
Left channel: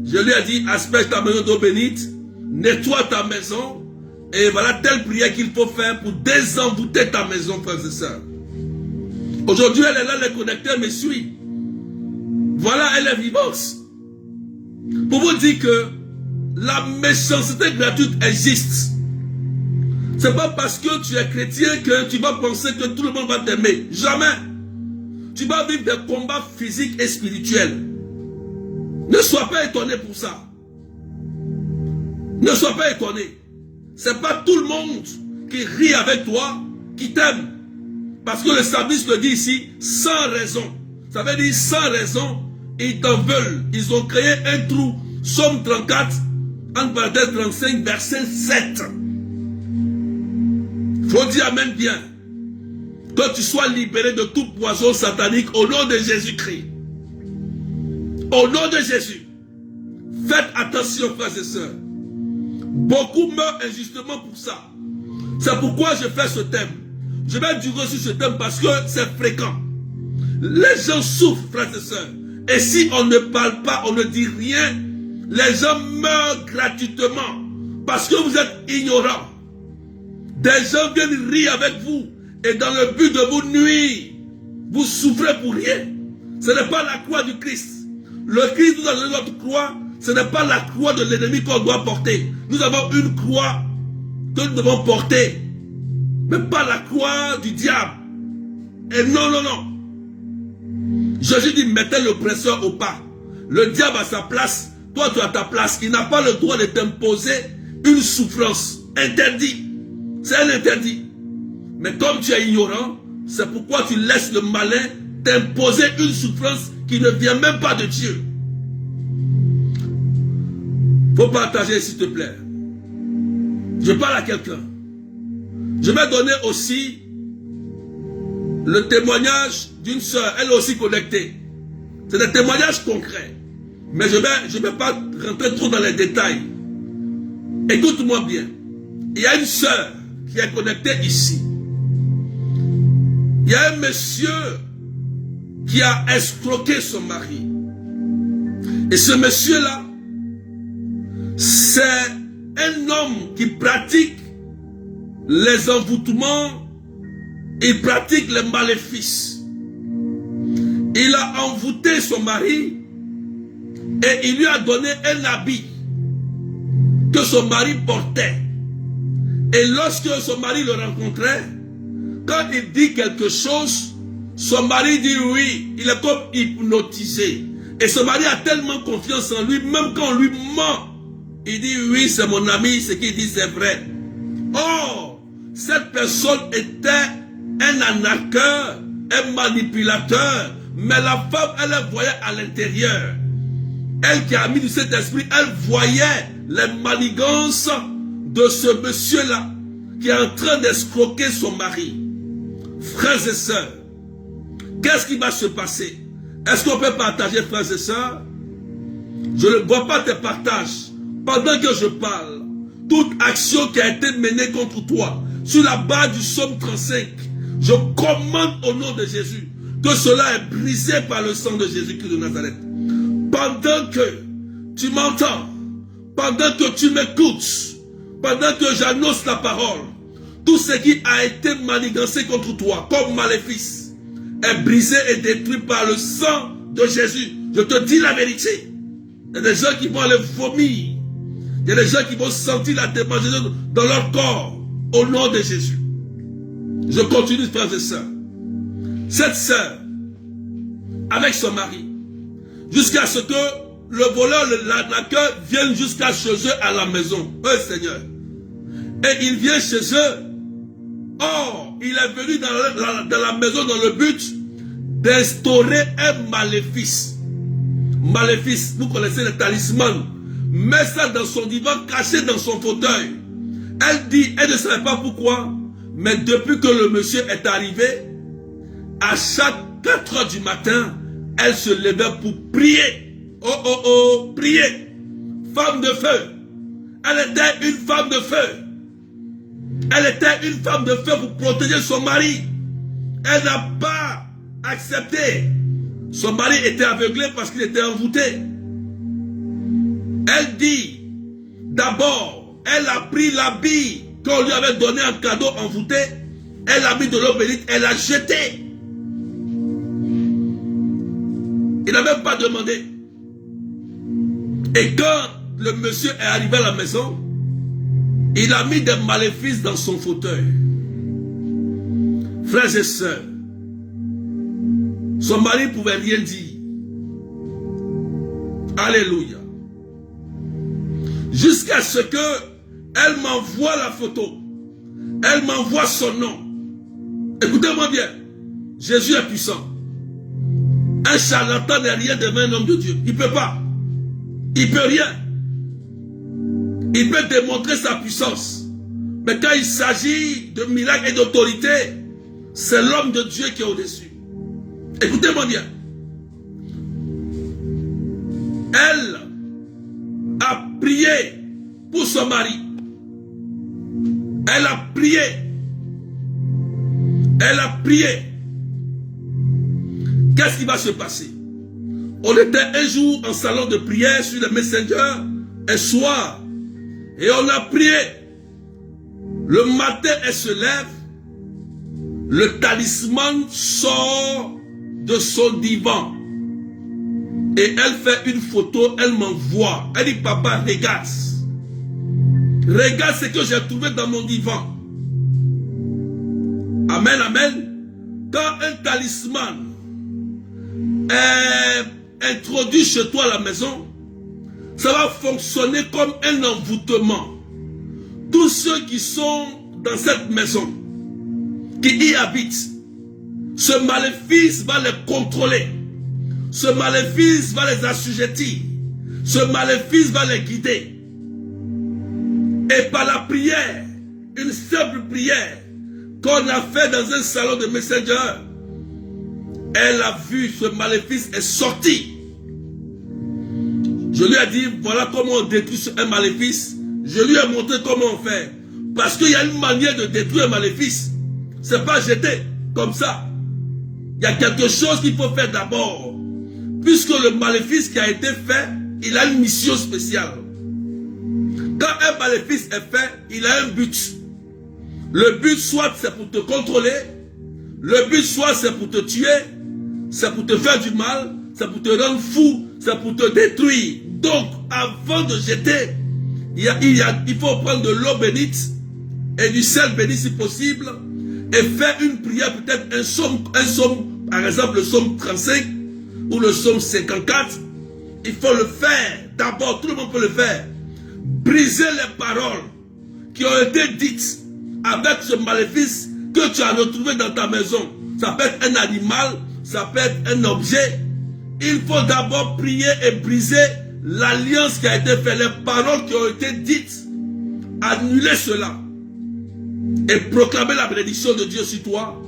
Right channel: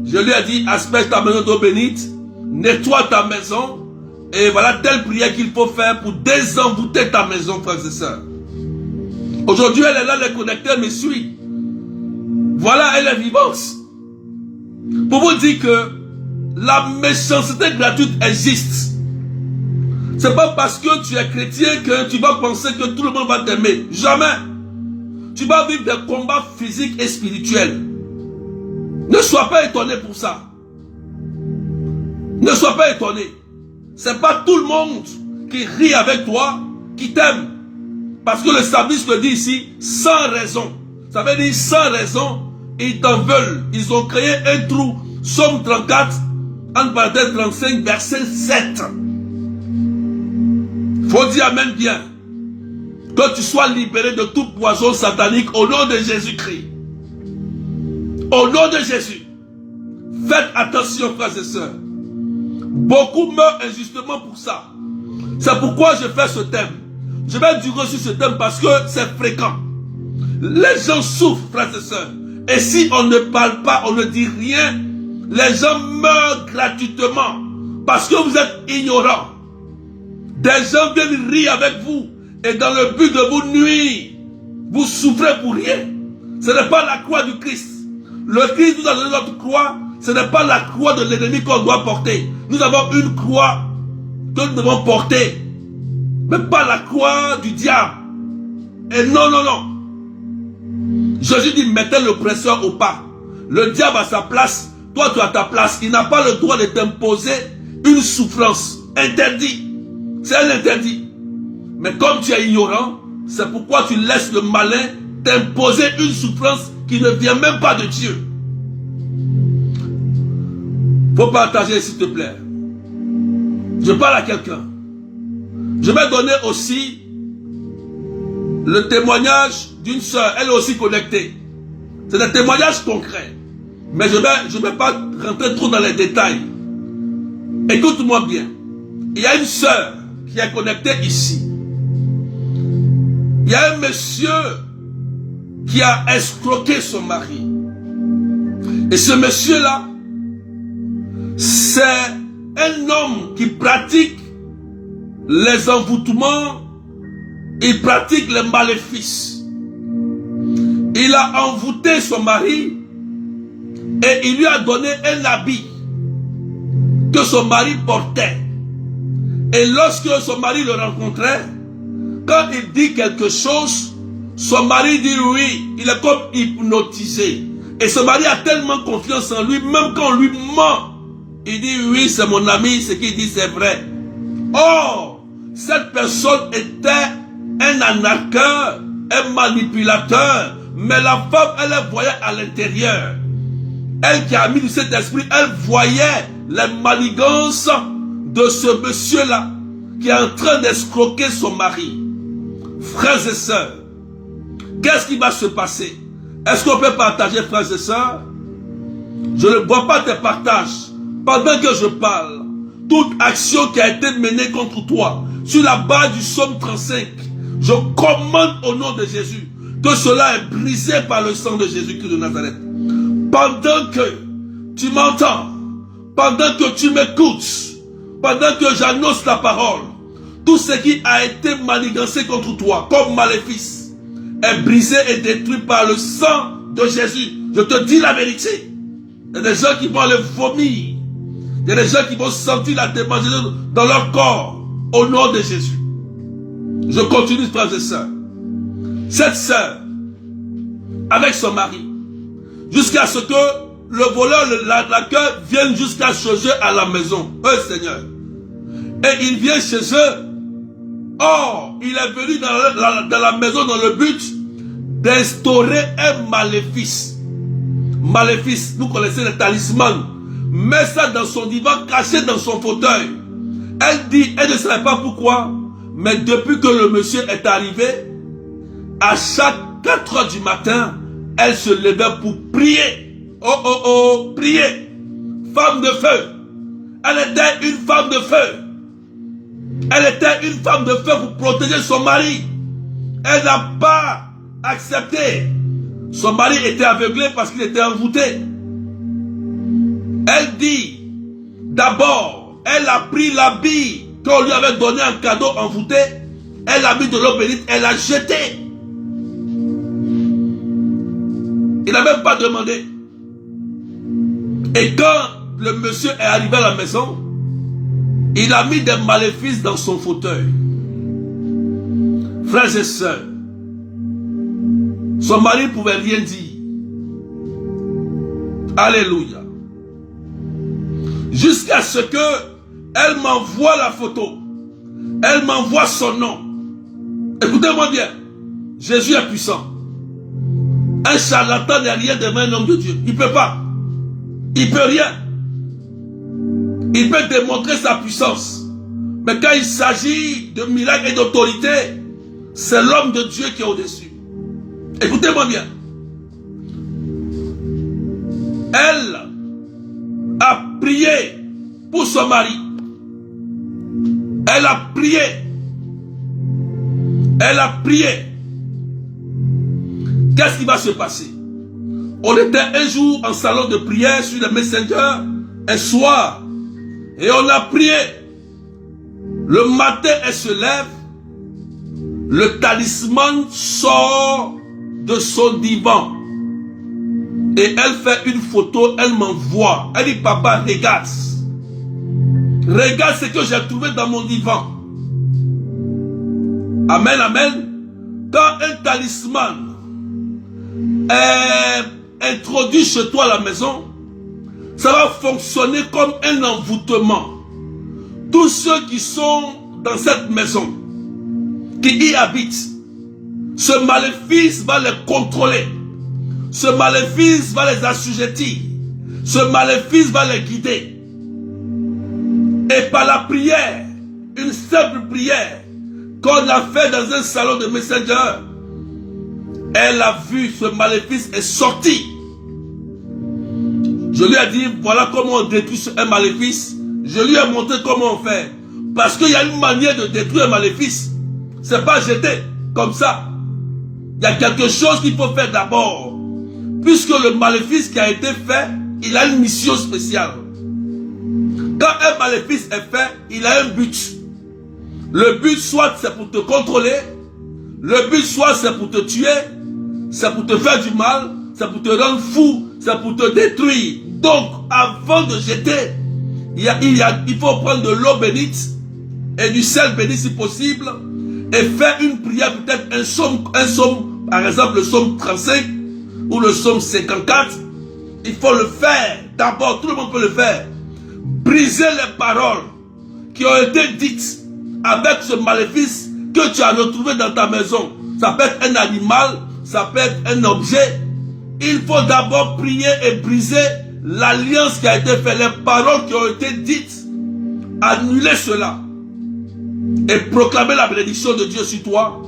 Je lui ai dit, asperge ta maison d'eau bénite, nettoie ta maison Et voilà telle prière qu'il faut faire pour désenvoûter ta maison, frères et sœurs. Aujourd'hui, elle est là, elle est connectée, elle me suit. Voilà, elle est vivante. Pour vous dire que la méchanceté gratuite existe. C'est pas parce que tu es chrétien que tu vas penser que tout le monde va t'aimer. Jamais. Tu vas vivre des combats physiques et spirituels. Ne sois pas étonné pour ça. Ne sois pas étonné. C'est pas tout le monde qui rit avec toi, qui t'aime. Parce que le psalmiste le dit ici, sans raison. Ça veut dire sans raison, ils t'en veulent. Ils ont créé un trou. Somme 34, en parenthèse 35, verset 7. Faut dire amen bien. Que tu sois libéré de tout poison satanique au nom de Jésus-Christ. Au nom de Jésus. Faites attention, frères et sœurs. Beaucoup meurent injustement pour ça. C'est pourquoi je fais ce thème. Je vais durer sur ce thème parce que c'est fréquent. Les gens souffrent, frères et sœurs. Et si on ne parle pas, on ne dit rien, les gens meurent gratuitement parce que vous êtes ignorants. Des gens viennent rire avec vous et dans le but de vous nuire, vous souffrez pour rien. Ce n'est pas la croix du Christ. Le Christ nous a donné notre croix. Ce n'est pas la croix de l'ennemi qu'on doit porter. Nous avons une croix que nous devons porter. Mais pas la croix du diable. Et non, non, non. Jésus dit, mettez l'oppresseur au pas. Le diable a sa place. Toi, tu as ta place. Il n'a pas le droit de t'imposer une souffrance. Interdit. C'est un interdit. Mais comme tu es ignorant, c'est pourquoi tu laisses le malin t'imposer une souffrance qui ne vient même pas de Dieu. Faut partager, s'il te plaît. Je parle à quelqu'un. Je vais donner aussi le témoignage d'une sœur. Elle est aussi connectée. C'est des témoignages concrets. Mais je vais pas rentrer trop dans les détails. Écoute-moi bien. Il y a une sœur qui est connectée ici. Il y a un monsieur qui a escroqué son mari. Et ce monsieur-là, c'est un homme qui pratique les envoûtements, il pratique les maléfices. Il a envoûté son mari et il lui a donné un habit que son mari portait. Et lorsque son mari le rencontrait, quand il dit quelque chose, son mari dit oui, il est comme hypnotisé. Et son mari a tellement confiance en lui, même quand on lui ment, il dit oui, c'est mon ami, ce qu'il dit c'est vrai. Or, cette personne était un arnaqueur, un manipulateur, mais la femme, elle voyait à l'intérieur. Elle qui a mis cet esprit, elle voyait les manigances de ce monsieur-là qui est en train d'escroquer son mari. Frères et sœurs, qu'est-ce qui va se passer? Est-ce qu'on peut partager, frères et sœurs? Je ne vois pas tes partages. Pendant que je parle, toute action qui a été menée contre toi, sur la base du psaume 35, je commande au nom de Jésus que cela est brisé par le sang de Jésus-Christ de Nazareth. Pendant que tu m'entends, pendant que tu m'écoutes, pendant que j'annonce la parole, tout ce qui a été manigancé contre toi, comme maléfice, est brisé et détruit par le sang de Jésus. Je te dis la vérité. Il y a des gens qui vont aller vomir. Il y a des gens qui vont sentir la démangeaison dans leur corps au nom de Jésus. Je continue, frères et sœurs. Cette sœur, avec son mari, jusqu'à ce que le voleur, l'arnaqueur, vienne jusqu'à chez eux à la maison. Seigneur. Et il vient chez eux. Or, il est venu dans la maison dans le but d'instaurer un maléfice. Maléfice, vous connaissez le talisman. Met ça dans son divan, caché dans son fauteuil. Elle dit, elle ne savait pas pourquoi, mais depuis que le monsieur est arrivé, à chaque 4 heures du matin, elle se levait pour prier. Prier. Femme de feu. Elle était une femme de feu. Elle était une femme de feu pour protéger son mari. Elle n'a pas accepté. Son mari était aveuglé parce qu'il était envoûté. Elle dit, d'abord, elle a pris l'habit qu'on lui avait donné un cadeau envoûté, elle a mis de l'eau bénite, elle a jeté. Il n'a même pas demandé. Et quand le monsieur est arrivé à la maison, il a mis des maléfices dans son fauteuil. Frères et sœurs, son mari ne pouvait rien dire. Alléluia. Jusqu'à ce que elle m'envoie la photo. Elle m'envoie son nom. Écoutez-moi bien. Jésus est puissant. Un charlatan n'est rien de même un homme de Dieu. Il ne peut pas. Il ne peut rien. Il peut démontrer sa puissance. Mais quand il s'agit de miracles et d'autorité, c'est l'homme de Dieu qui est au-dessus. Écoutez-moi bien. Elle a prié pour son mari. Elle a prié. Elle a prié. Qu'est-ce qui va se passer? On était un jour en salon de prière sur le Messenger, un soir, et on a prié. Le matin, elle se lève, le talisman sort de son divan. Et elle fait une photo, elle m'envoie. Elle dit, papa, regarde. Regarde ce que j'ai trouvé dans mon divan. Amen, amen. Quand un talisman est introduit chez toi à la maison, ça va fonctionner comme un envoûtement. Tous ceux qui sont dans cette maison, qui y habitent, ce maléfice va les contrôler. Ce maléfice va les assujettir. Ce maléfice va les guider. Et par la prière, une simple prière qu'on a fait dans un salon de Messenger, elle a vu ce maléfice est sorti. Je lui ai dit, voilà comment on détruit un maléfice. Je lui ai montré comment on fait. Parce qu'il y a une manière de détruire un maléfice. Ce n'est pas jeter comme ça. Il y a quelque chose qu'il faut faire d'abord. Puisque le maléfice qui a été fait, il a une mission spéciale. Quand un maléfice est fait, il a un but. Le but soit c'est pour te contrôler. Le but soit c'est pour te tuer. C'est pour te faire du mal. C'est pour te rendre fou. C'est pour te détruire. Donc, avant de jeter, il faut prendre de l'eau bénite et du sel béni si possible et faire une prière, peut-être un psaume, par exemple le psaume 35 ou le psaume 54. Il faut le faire. D'abord, tout le monde peut le faire. Briser les paroles qui ont été dites avec ce maléfice que tu as retrouvé dans ta maison. Ça peut être un animal, ça peut être un objet. Il faut d'abord prier et briser l'alliance qui a été faite, les paroles qui ont été dites. Annuler cela et proclamer la bénédiction de Dieu sur toi.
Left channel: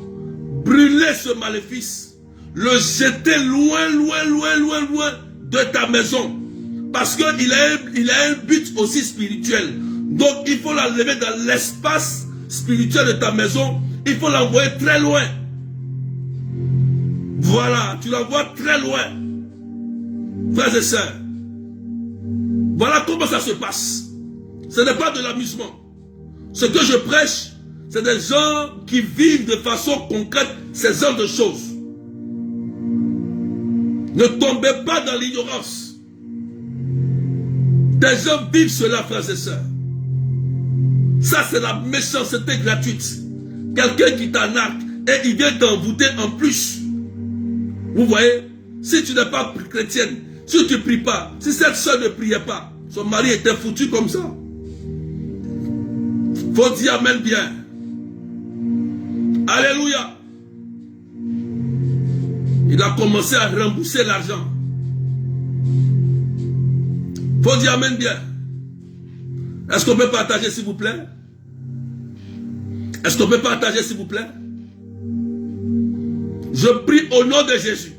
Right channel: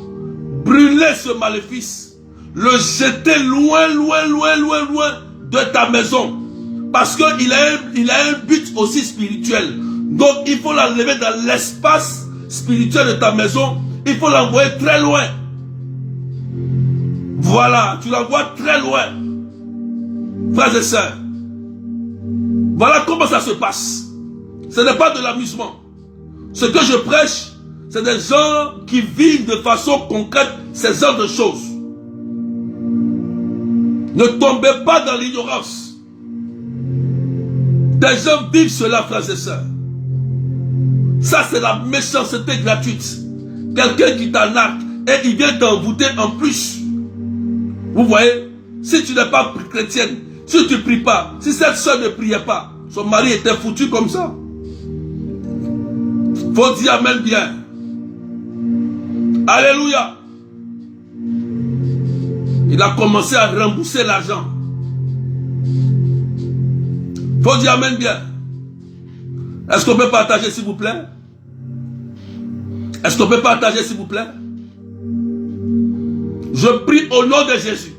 Brûler ce maléfice, le jeter loin, loin, loin, loin, loin de ta maison. Parce qu'il a un but aussi spirituel. Donc il faut l'enlever dans l'espace spirituel de ta maison. Il faut l'envoyer très loin. Voilà, tu l'envoies très loin. Frères et sœurs, voilà comment ça se passe. Ce n'est pas de l'amusement. Ce que je prêche, c'est des gens qui vivent de façon concrète ces genres de choses. Ne tombez pas dans l'ignorance. Des gens vivent cela, frères et sœurs. Ça, c'est la méchanceté gratuite. Quelqu'un qui t'arnaque et il vient t'envoûter en plus. Vous voyez, si tu n'es pas chrétienne, si tu ne pries pas, si cette soeur ne priait pas, son mari était foutu comme ça. Faut dire amen bien. Alléluia. Il a commencé à rembourser l'argent. Faut dire amen bien. Est-ce qu'on peut partager s'il vous plaît? Est-ce qu'on peut partager s'il vous plaît? Je prie au nom de Jésus.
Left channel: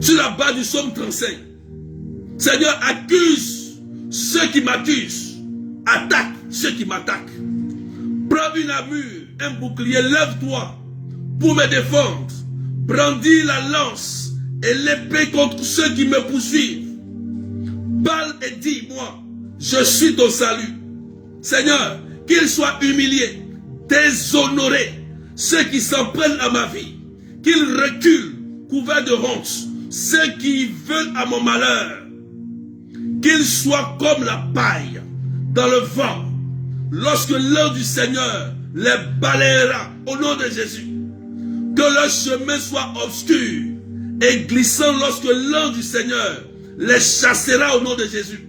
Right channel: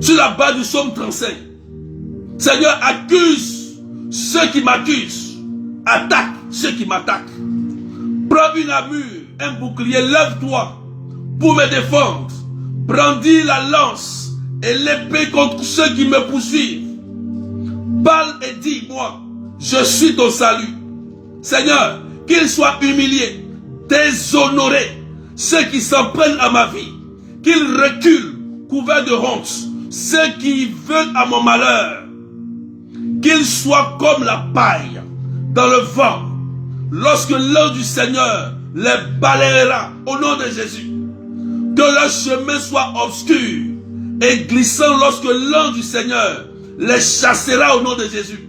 Sur la base du psaume 35. Seigneur, accuse ceux qui m'accusent. Attaque ceux qui m'attaquent. Prends une armure, un bouclier, lève-toi pour me défendre. Brandis la lance et l'épée contre ceux qui me poursuivent. Parle et dis-moi, je suis ton salut. Seigneur, qu'ils soient humiliés, déshonorés, ceux qui s'en prennent à ma vie, qu'ils reculent, couverts de honte, ceux qui veulent à mon malheur, qu'ils soient comme la paille dans le vent, lorsque l'ange du Seigneur les balayera au nom de Jésus. Que leur chemin soit obscur et glissant lorsque l'ange du Seigneur les chassera au nom de Jésus.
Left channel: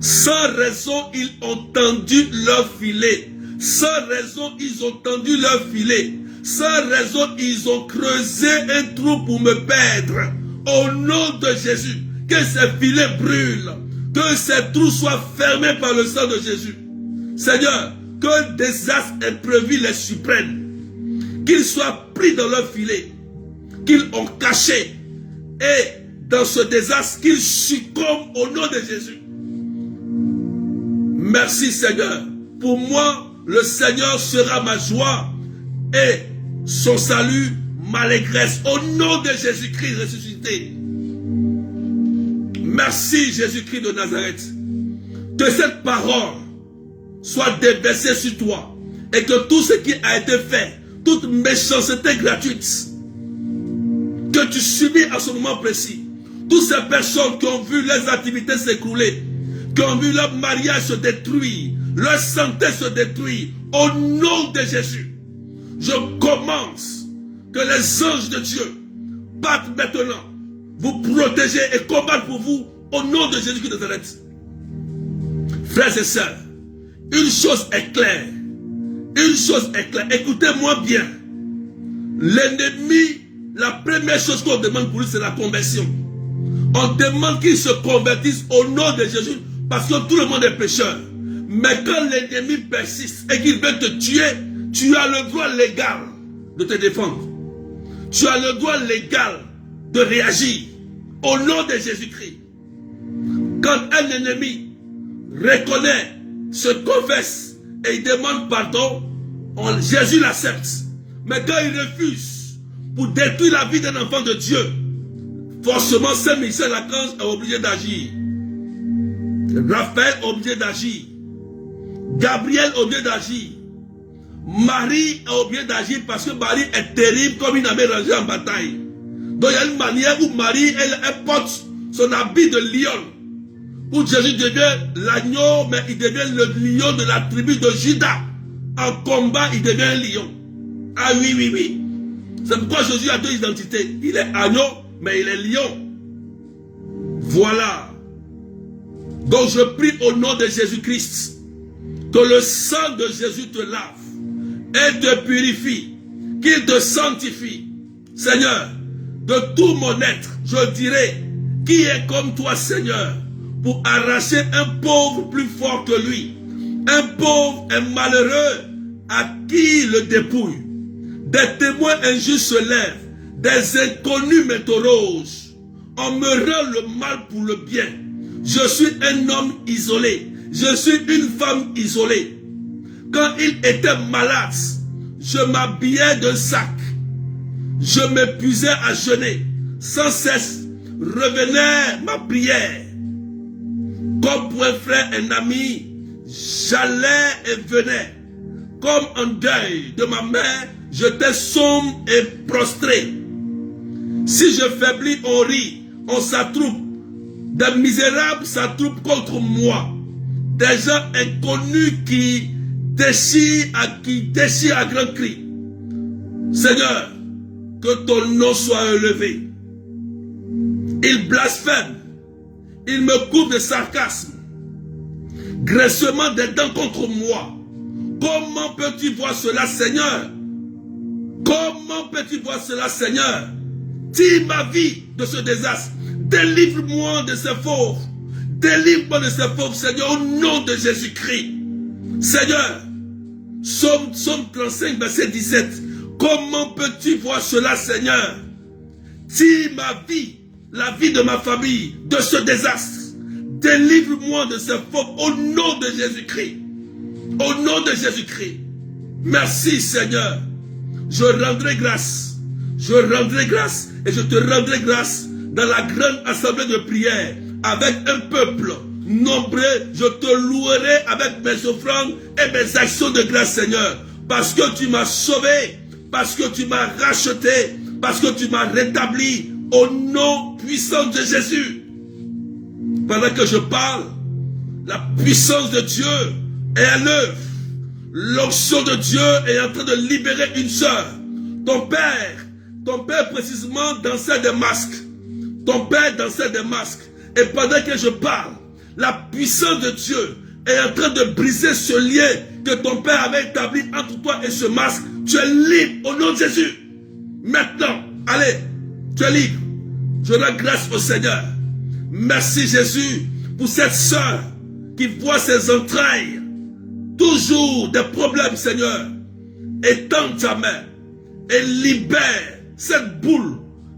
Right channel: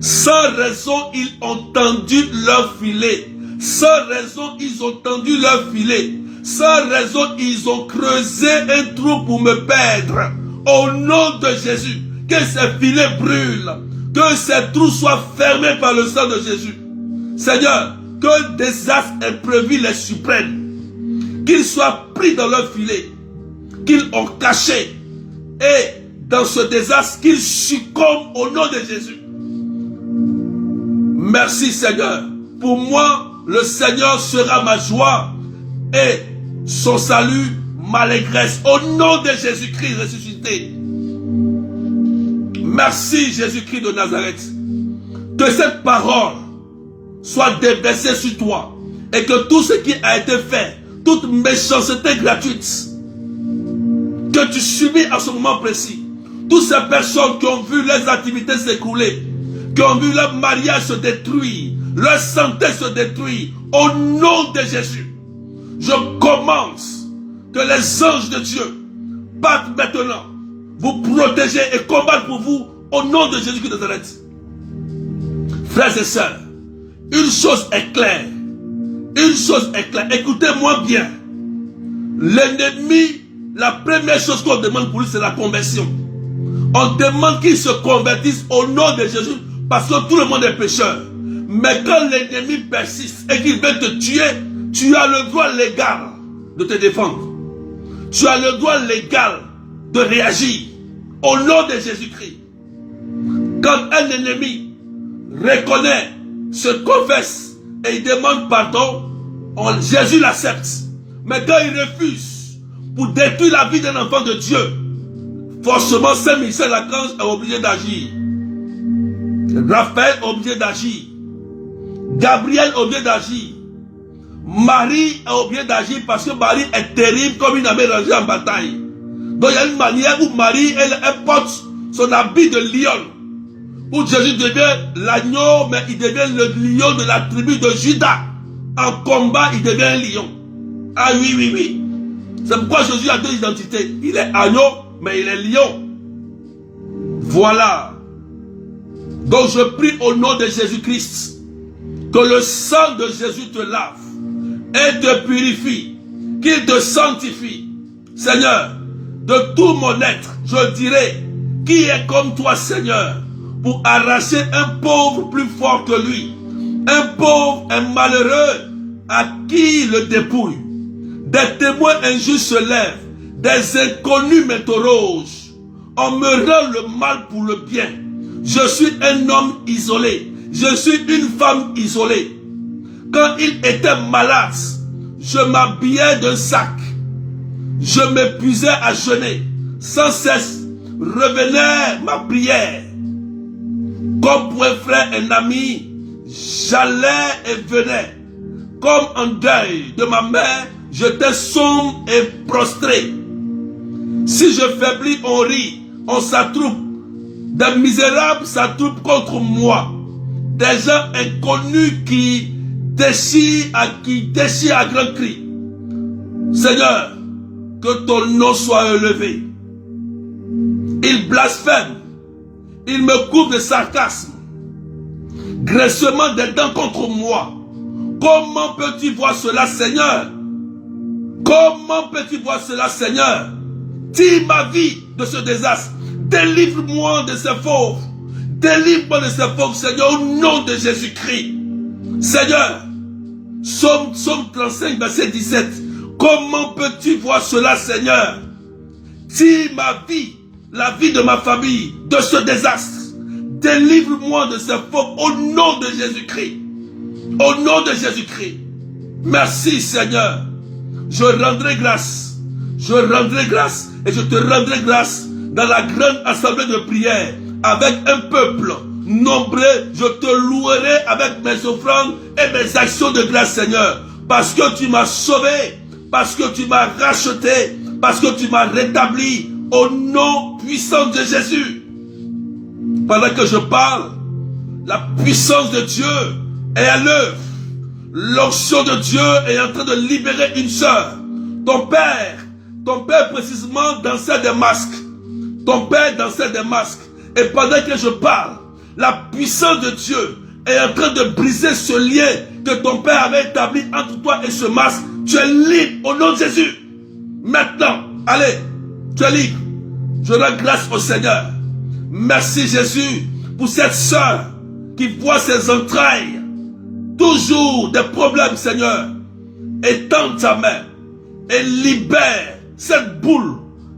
Sans raison, ils ont tendu leur filet. Sans raison, ils ont tendu leur filet. Sans raison, ils ont creusé un trou pour me perdre. Au nom de Jésus, que ces filets brûlent. Que ces trous soient fermés par le sang de Jésus. Seigneur, que le désastre imprévu les surprenne. Qu'ils soient pris dans leur filet, qu'ils ont caché. Et dans ce désastre, qu'ils succombent au nom de Jésus. Merci Seigneur. Pour moi, le Seigneur sera ma joie et son salut ma allégresse. Au nom de Jésus-Christ ressuscité. Merci Jésus-Christ de Nazareth. Que cette parole soit déversée sur toi et que tout ce qui a été fait, toute méchanceté gratuite que tu subis à ce moment précis, toutes ces personnes qui ont vu leurs activités s'écrouler, qui ont vu leur mariage se détruire, leur santé se détruire, au nom de Jésus, je commence que les anges de Dieu battent maintenant, vous protéger et combattre pour vous au nom de Jésus-Christ de Nazareth. Frères et sœurs, une chose est claire, écoutez-moi bien. L'ennemi, la première chose qu'on demande pour lui, c'est la conversion. On demande qu'il se convertisse au nom de Jésus parce que tout le monde est pécheur. Mais quand l'ennemi persiste et qu'il veut te tuer, tu as le droit légal de te défendre. Tu as le droit légal de réagir au nom de Jésus-Christ. Quand un ennemi reconnaît, se confesse et il demande pardon, Jésus l'accepte. Mais quand il refuse pour détruire la vie d'un enfant de Dieu, forcément Saint Michel Archange est obligé d'agir. Raphaël est obligé d'agir. Gabriel est obligé d'agir. Marie est obligée d'agir parce que Marie est terrible comme une armée rangée en bataille. Donc il y a une manière où Marie, elle porte son habit de lion. Où Jésus devient l'agneau, mais il devient le lion de la tribu de Juda. En combat, il devient un lion. Ah oui, oui, oui. C'est pourquoi Jésus a deux identités. Il est agneau, mais il est lion. Voilà. Donc je prie au nom de Jésus-Christ que le sang de Jésus te lave et te purifie, qu'il te sanctifie. Seigneur, de tout mon être, je dirai, qui est comme toi, Seigneur, pour arracher un pauvre plus fort que lui, un pauvre, un malheureux à qui le dépouille. Des témoins injustes se lèvent, des inconnus m'interrogent. On me rend le mal pour le bien. Je suis un homme isolé, je suis une femme isolée. Quand il était malade, je m'habillais d'un sac. Je m'épuisais à jeûner. Sans cesse revenait ma prière. Comme pour un frère, un ami, j'allais et venais. Comme en deuil de ma mère, j'étais sombre et prostré. Si je faiblis, on rit, on s'attroupe. Des misérables s'attroupent contre moi. Des gens inconnus qui déchirent à grands cris. Seigneur, que ton nom soit élevé. Ils blasphèment. Ils me couvrent de sarcasme. Graissement des dents contre moi. Comment peux-tu voir cela, Seigneur? Comment peux-tu voir cela, Seigneur? Tire ma vie de ce désastre. Délivre-moi de ces fauves. Délivre-moi de ces fauves, Seigneur, au nom de Jésus-Christ. Seigneur, Psaume 35, verset 17. Comment peux-tu voir cela, Seigneur? Tire ma vie, la vie de ma famille, de ce désastre. Délivre-moi de ces fauves au nom de Jésus-Christ. Au nom de Jésus-Christ. Merci, Seigneur. Je rendrai grâce. Je rendrai grâce et je te rendrai grâce dans la grande assemblée de prière avec un peuple. nombreux, je te louerai avec mes offrandes et mes actions de grâce, Seigneur. Parce que tu m'as sauvé, parce que tu m'as racheté, parce que tu m'as rétabli au nom puissant de Jésus. Pendant que je parle, la puissance de Dieu est à l'œuvre. L'onction de Dieu est en train de libérer une sœur. Ton père précisément dansait des masques. Ton père dansait des masques. Et pendant que je parle, la puissance de Dieu est en train de briser ce lien que ton père avait établi entre toi et ce masque. Tu es libre au nom de Jésus. Maintenant, allez, tu es libre. Je rends grâce au Seigneur. Merci Jésus pour cette sœur qui voit ses entrailles. Toujours des problèmes, Seigneur. Étends ta main et libère cette boule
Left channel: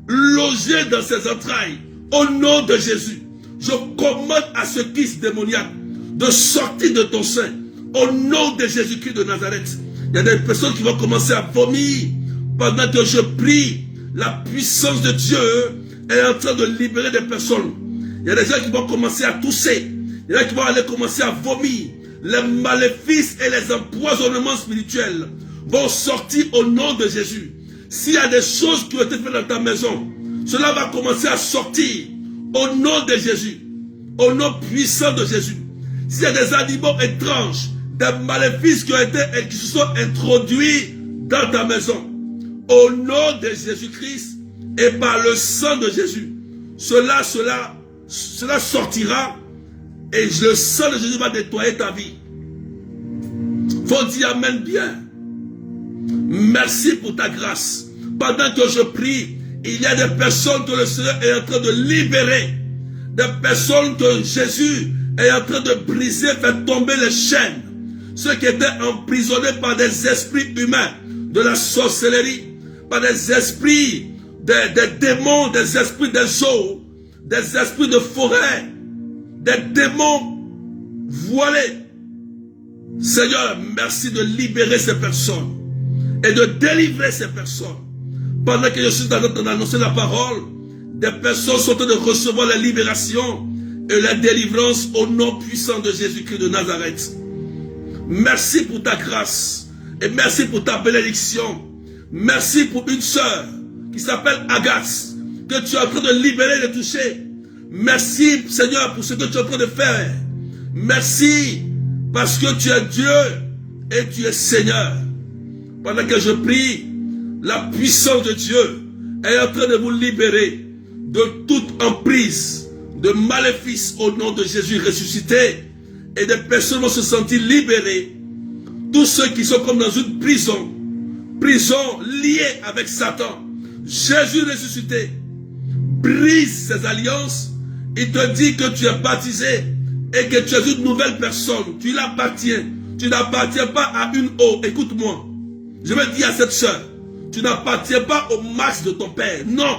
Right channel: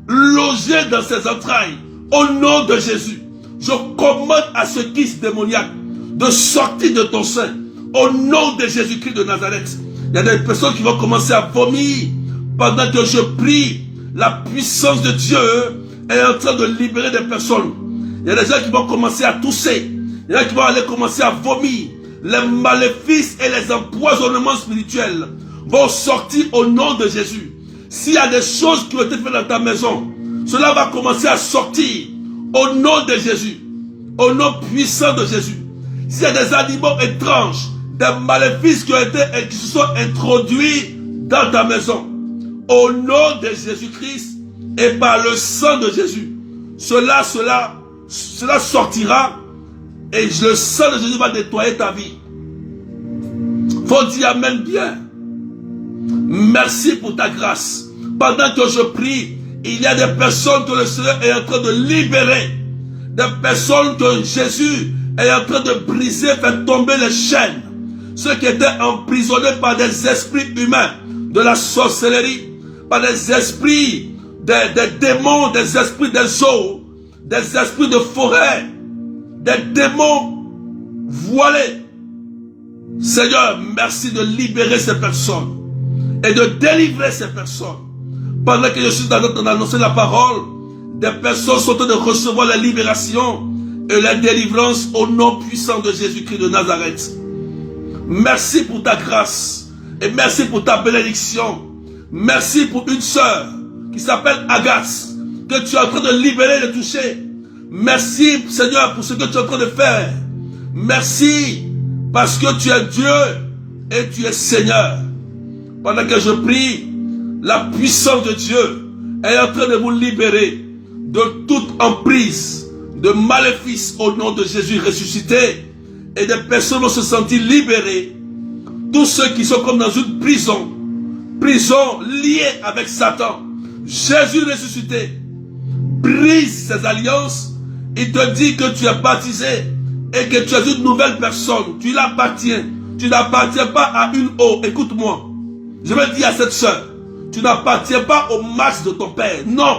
logée dans ses entrailles. Au nom de Jésus, je commande à ce kiss démoniaque de sortir de ton sein. Au nom de Jésus-Christ de Nazareth. Il y a des personnes qui vont commencer à vomir pendant que je prie. La puissance de Dieu est en train de libérer des personnes. Il y a des gens qui vont commencer à tousser. Il y en a qui vont aller commencer à vomir. Les maléfices et les empoisonnements spirituels vont sortir au nom de Jésus. S'il y a des choses qui ont été faites dans ta maison, cela va commencer à sortir au nom de Jésus. Au nom puissant de Jésus. S'il y a des animaux étranges, des maléfices qui se sont introduits dans ta maison, au nom de Jésus-Christ et par le sang de Jésus, cela sortira et le sang de Jésus va nettoyer ta vie. Faut dire amen bien. Merci pour ta grâce. Pendant que je prie, il y a des personnes que le Seigneur est en train de libérer. Des personnes que Jésus est en train de briser, faire tomber les chaînes. Ceux qui étaient emprisonnés par des esprits humains, de la sorcellerie, par des esprits, des démons, des esprits des eaux, des esprits de forêt, des démons voilés. Seigneur, merci de libérer ces personnes et de délivrer ces personnes. Pendant que je suis en train d'annoncer la parole, des personnes sont en train de recevoir la libération et la délivrance au nom puissant de Jésus-Christ de Nazareth. Merci pour ta grâce et merci pour ta bénédiction. Merci pour une sœur qui s'appelle Agathe, que tu es en train de libérer et de toucher. Merci Seigneur pour ce que tu es en train de faire. Merci parce que tu es Dieu et tu es Seigneur. Pendant que je prie, la puissance de Dieu est en train de vous libérer de toute emprise, de maléfice au nom de Jésus ressuscité. Et des personnes vont se sentir libérées. Tous ceux qui sont comme dans une prison liée avec Satan. Jésus ressuscité brise ses alliances. Il te dit que tu es baptisé et que tu es une nouvelle personne. Tu l'appartiens. Tu n'appartiens pas à une eau. Écoute-moi. Je vais dire à cette soeur, tu n'appartiens pas au max de ton père. Non.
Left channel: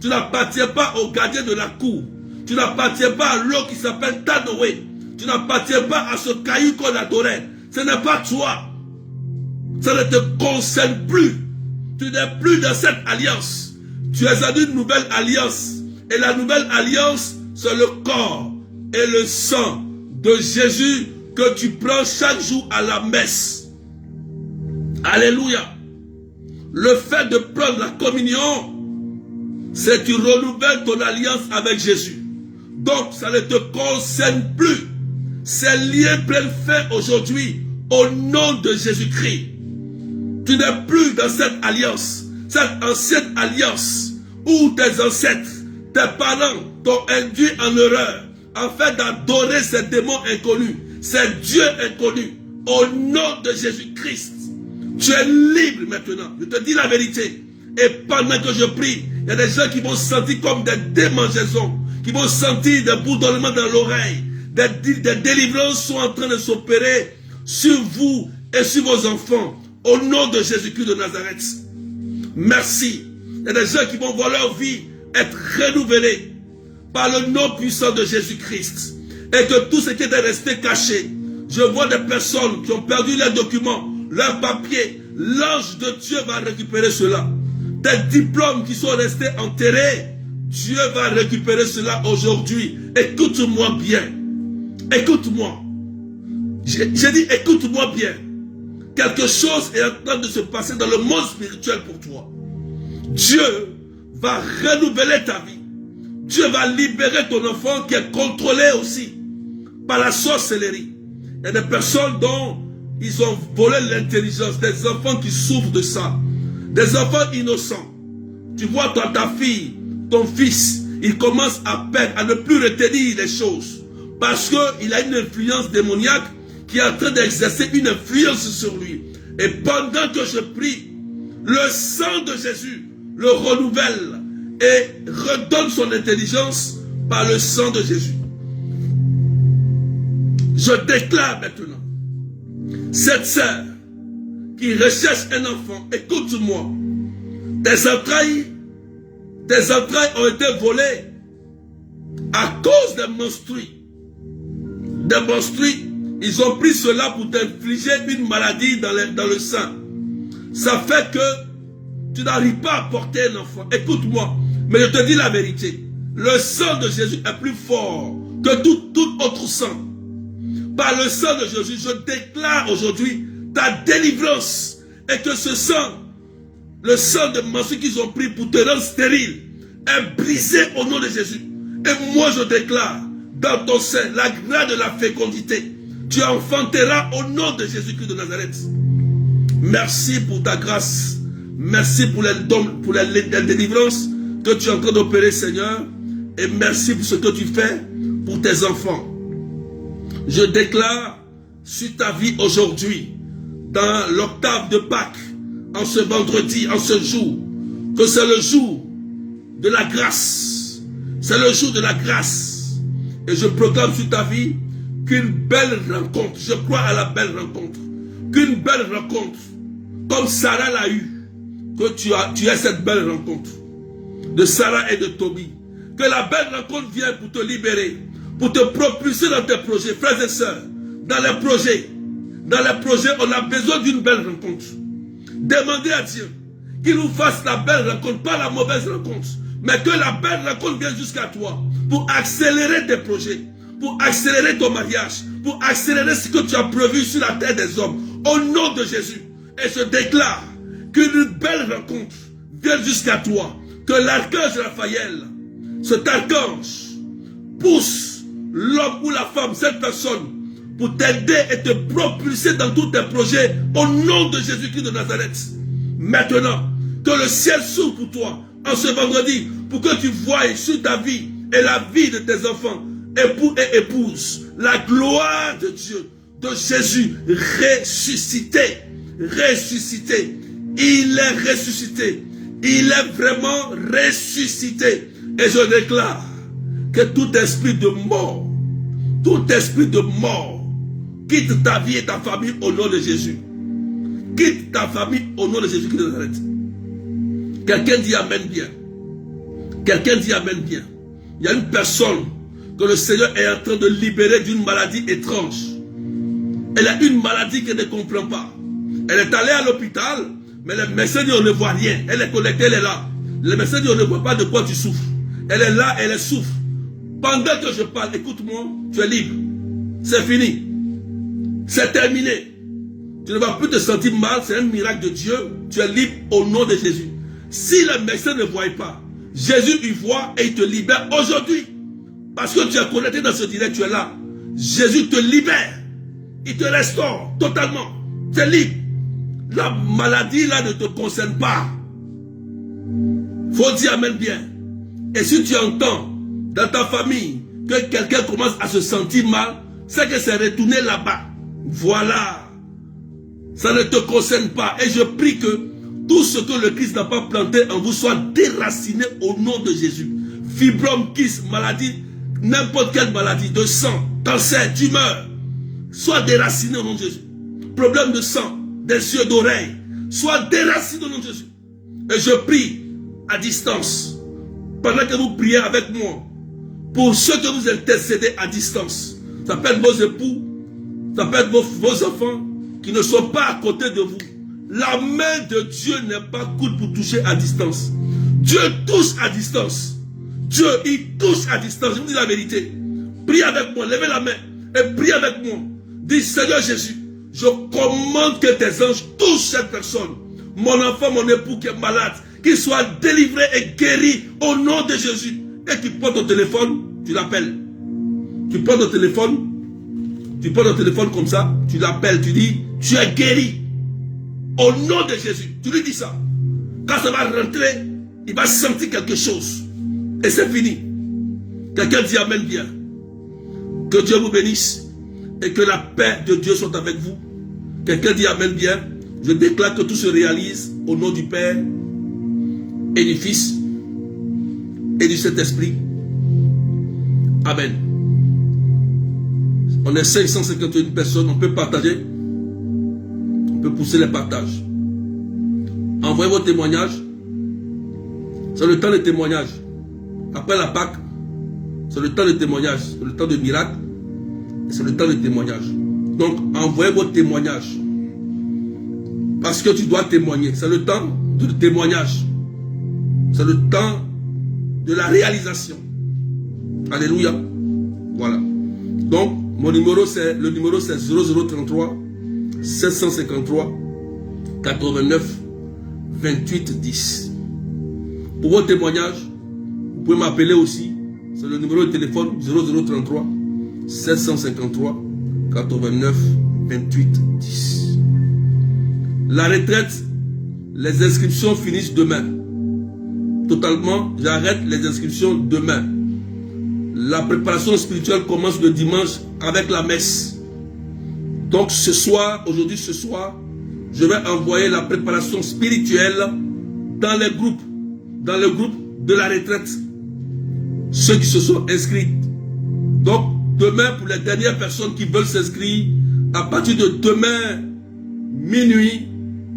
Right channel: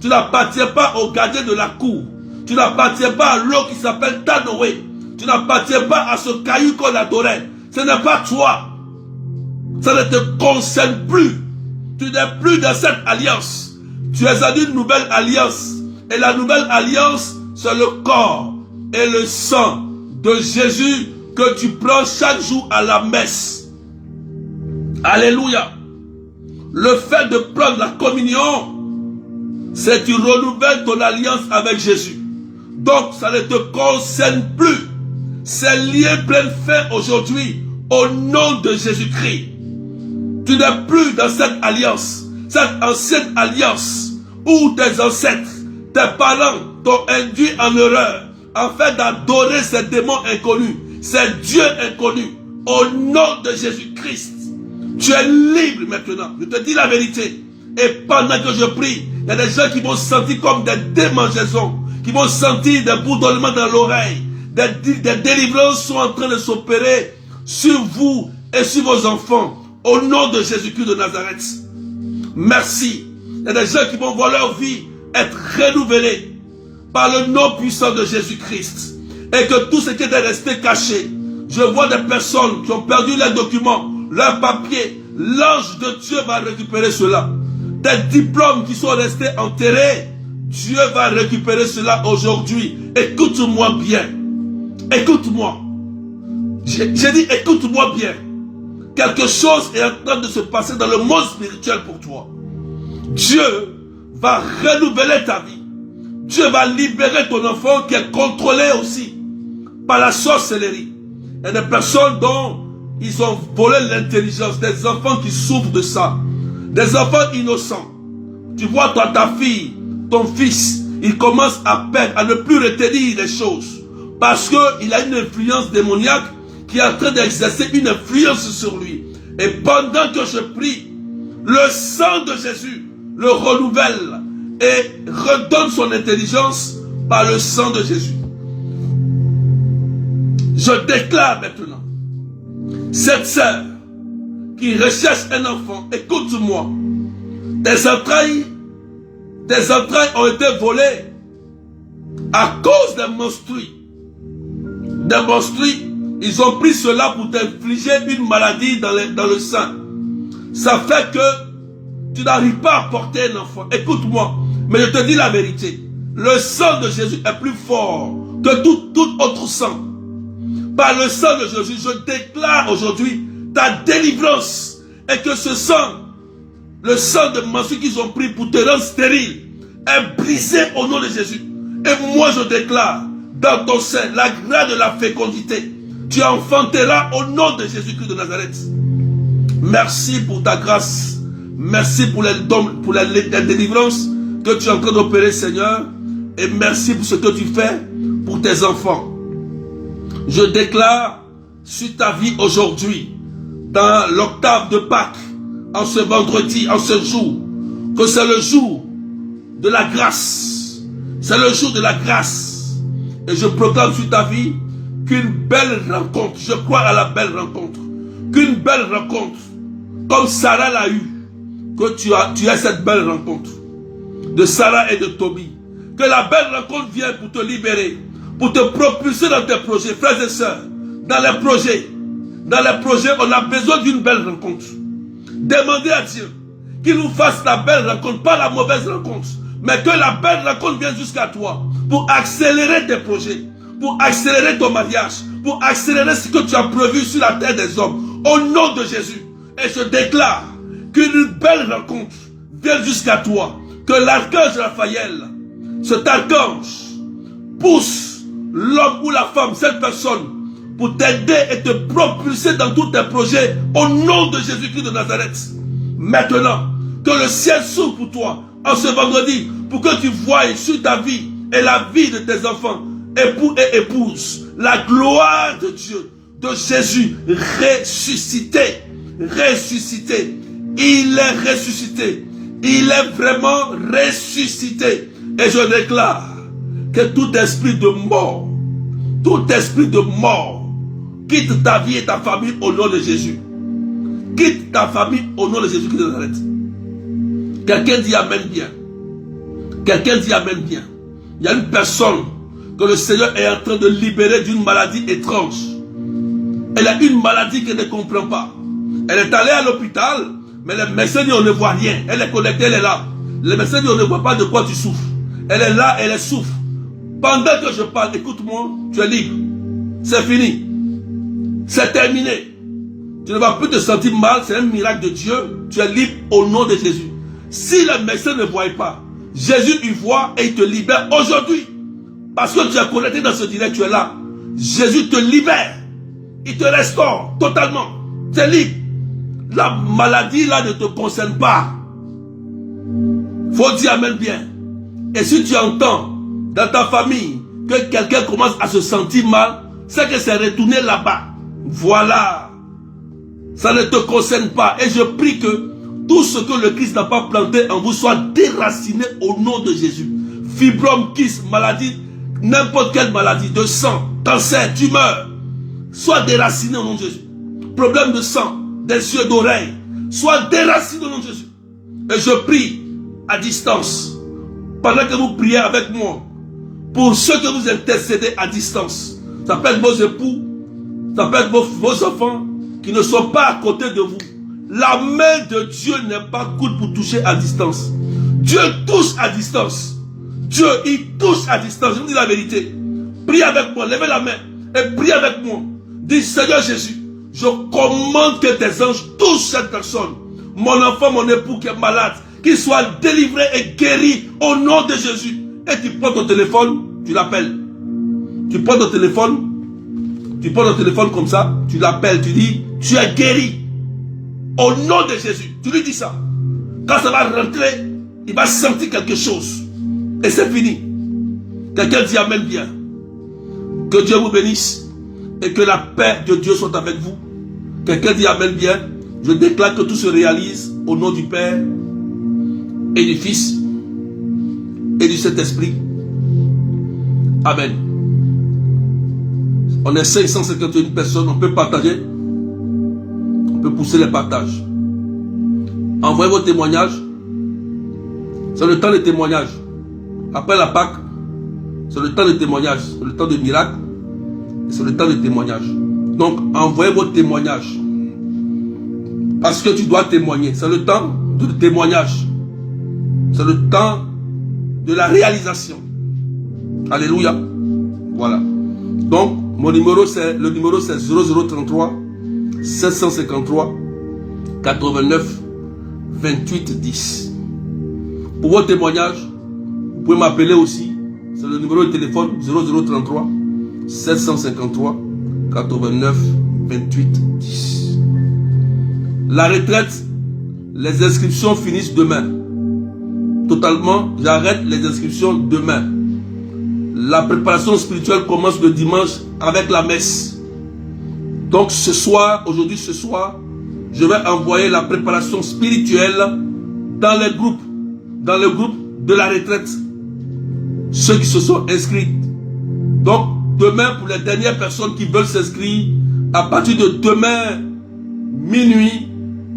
Tu n'appartiens pas au gardien de la cour. Tu n'appartiens pas à l'eau qui s'appelle Tanoé. Tu n'appartiens pas à ce caillou qu'on adorait. Ce n'est pas toi. Ça ne te concerne plus. Tu n'es plus dans cette alliance. Tu es dans une nouvelle alliance. Et la nouvelle alliance, c'est le corps et le sang de Jésus que tu prends chaque jour à la messe. Alléluia. Le fait de prendre la communion, c'est que tu renouvelles ton alliance avec Jésus. Donc, ça ne te concerne plus. Ces liens prennent fin aujourd'hui au nom de Jésus-Christ. Tu n'es plus dans cette alliance, cette ancienne alliance où tes ancêtres, tes parents t'ont induit en erreur afin d'adorer ces démons inconnus, ces dieux inconnus. Au nom de Jésus-Christ, tu es libre maintenant. Je te dis la vérité. Et pendant que je prie, il y a des gens qui vont se sentir comme des démangeaisons, qui vont sentir des bourdonnements dans l'oreille. Des délivrances sont en train de s'opérer sur vous et sur vos enfants. Au nom de Jésus-Christ de Nazareth. Merci. Il y a des gens qui vont voir leur vie être renouvelée par le nom puissant de Jésus-Christ. Et que tout ce qui était resté caché, je vois des personnes qui ont perdu leurs documents, leurs papiers. L'ange de Dieu va récupérer cela. Des diplômes qui sont restés enterrés, Dieu va récupérer cela aujourd'hui. Écoute-moi bien. Écoute-moi. J'ai dit, écoute-moi bien. Quelque chose est en train de se passer dans le monde spirituel pour toi. Dieu va renouveler ta vie. Dieu va libérer ton enfant qui est contrôlé aussi par la sorcellerie. Il y a des personnes dont ils ont volé l'intelligence, des enfants qui souffrent de ça, des enfants innocents. Tu vois, toi, ta fille, ton fils, il commence à perdre, à ne plus retenir les choses parce qu'il a une influence démoniaque qui est en train d'exercer une influence sur lui. Et pendant que je prie, le sang de Jésus le renouvelle et redonne son intelligence par le sang de Jésus. Je déclare maintenant, cette sœur qui recherche un enfant, écoute-moi, tes entrailles ont été volées à cause des menstrues. Des menstrues, ils ont pris cela pour t'infliger une maladie dans le sein. Ça fait que tu n'arrives pas à porter un enfant. Écoute-moi, mais je te dis la vérité. Le sang de Jésus est plus fort que tout autre sang. Par le sang de Jésus, je déclare aujourd'hui ta délivrance. Et que ce sang, le sang de menstrues qu'ils ont pris pour te rendre stérile, est brisé au nom de Jésus. Et moi je déclare dans ton sein la grâce de la fécondité. Tu enfanteras au nom de Jésus-Christ de Nazareth. Merci pour ta grâce. Merci pour les dons, pour la délivrance que tu es en train d'opérer, Seigneur. Et merci pour ce que tu fais pour tes enfants. Je déclare sur ta vie aujourd'hui, dans l'octave de Pâques, en ce vendredi, en ce jour, que c'est le jour de la grâce. C'est le jour de la grâce. Et je proclame sur ta vie qu'une belle rencontre, je crois à la belle rencontre, qu'une belle rencontre, comme Sarah l'a eu, que tu as cette belle rencontre de Sarah et de Tobie. Que la belle rencontre vienne pour te libérer, pour te propulser dans tes projets, frères et sœurs. Dans les projets, on a besoin d'une belle rencontre. Demandez à Dieu qu'il nous fasse la belle rencontre, pas la mauvaise rencontre, mais que la belle rencontre vienne jusqu'à toi pour accélérer tes projets, pour accélérer ton mariage, pour accélérer ce que tu as prévu sur la terre des hommes. Au nom de Jésus. Et je déclare qu'une belle rencontre vienne jusqu'à toi. Que l'archange Raphaël, cet archange, pousse l'homme ou la femme, cette personne, pour t'aider et te propulser dans tous tes projets au nom de Jésus-Christ de Nazareth. Maintenant, que le ciel s'ouvre pour toi en ce vendredi, pour que tu voies sur ta vie et la vie de tes enfants, époux et épouses, la gloire de Dieu, de Jésus ressuscité. Ressuscité. Il est ressuscité. Il est vraiment ressuscité. Et je déclare que tout esprit de mort quitte ta vie et ta famille au nom de Jésus. Quitte ta famille au nom de Jésus-Christ de Nazareth. Quelqu'un dit Amen bien. Quelqu'un dit Amen bien. Il y a une personne que le Seigneur est en train de libérer d'une maladie étrange. Elle a une maladie qu'elle ne comprend pas. Elle est allée à l'hôpital, mais les médecins disent on ne voit rien. Elle est connectée, elle est là. Les médecins disent on ne voit pas de quoi tu souffres. Elle est là, elle souffre. Pendant que je parle, écoute-moi, tu es libre. C'est fini. C'est terminé. Tu ne vas plus te sentir mal, c'est un miracle de Dieu. Tu es libre au nom de Jésus. Si les médecins ne voient pas, Jésus y voit et il te libère aujourd'hui. Parce que tu es connecté dans ce direct, tu es là. Jésus te libère. Il te restaure totalement. Tu es libre. La maladie là ne te concerne pas. Faut dire Amen bien. Et si tu entends dans ta famille que quelqu'un commence à se sentir mal, c'est que c'est retourné là-bas. Voilà. Ça ne te concerne pas. Et je prie que tout ce que le Christ n'a pas planté en vous soit déraciné au nom de Jésus. Fibrome, kyste, maladie, n'importe quelle maladie, de sang, cancer, tumeur, soit déraciné au nom de Jésus. Problème de sang, des yeux, d'oreilles, soit déraciné au nom de Jésus. Et je prie à distance, pendant que vous priez avec moi, pour ceux que vous intercédez à distance. Ça peut être vos époux, ça peut être vos enfants qui ne sont pas à côté de vous. La main de Dieu n'est pas courte pour toucher à distance. Dieu touche à distance. Dieu, il touche à distance. Je vous dis la vérité. Priez avec moi, levez la main. et prie avec moi. Dis, Seigneur Jésus, je commande que tes anges touchent cette personne. Mon enfant, mon époux qui est malade, qu'il soit délivré et guéri au nom de Jésus. Et tu prends ton téléphone, tu l'appelles. Tu prends ton téléphone comme ça, tu l'appelles, tu dis, tu es guéri. Au nom de Jésus. Tu lui dis ça. Quand ça va rentrer, il va sentir quelque chose. Et c'est fini. Quelqu'un dit Amen bien. Que Dieu vous bénisse et que la paix de Dieu soit avec vous. Quelqu'un dit Amen bien. Je déclare que tout se réalise au nom du Père et du Fils et du Saint-Esprit. Amen. On est 551 personnes, on peut partager. On peut pousser les partages. Envoyez vos témoignages. C'est le temps de témoignage. Après la Pâque, c'est le temps de témoignage. C'est le temps de miracle. C'est le temps de témoignage. Donc, envoyez vos témoignages. Parce que tu dois témoigner. C'est le temps du témoignage. C'est le temps de la réalisation. Alléluia. Voilà. Donc, le numéro c'est 0033 753 89 28 10. Pour vos témoignages, vous pouvez m'appeler aussi. C'est le numéro de téléphone 0033 753 89 28 10. La retraite, les inscriptions finissent demain. Totalement, j'arrête les inscriptions demain. La préparation spirituelle commence le dimanche avec la messe. Donc ce soir, aujourd'hui ce soir, je vais envoyer la préparation spirituelle dans les groupes, dans le groupe de la retraite. Ceux qui se sont inscrits. Donc demain, pour les dernières personnes qui veulent s'inscrire, à partir de demain minuit,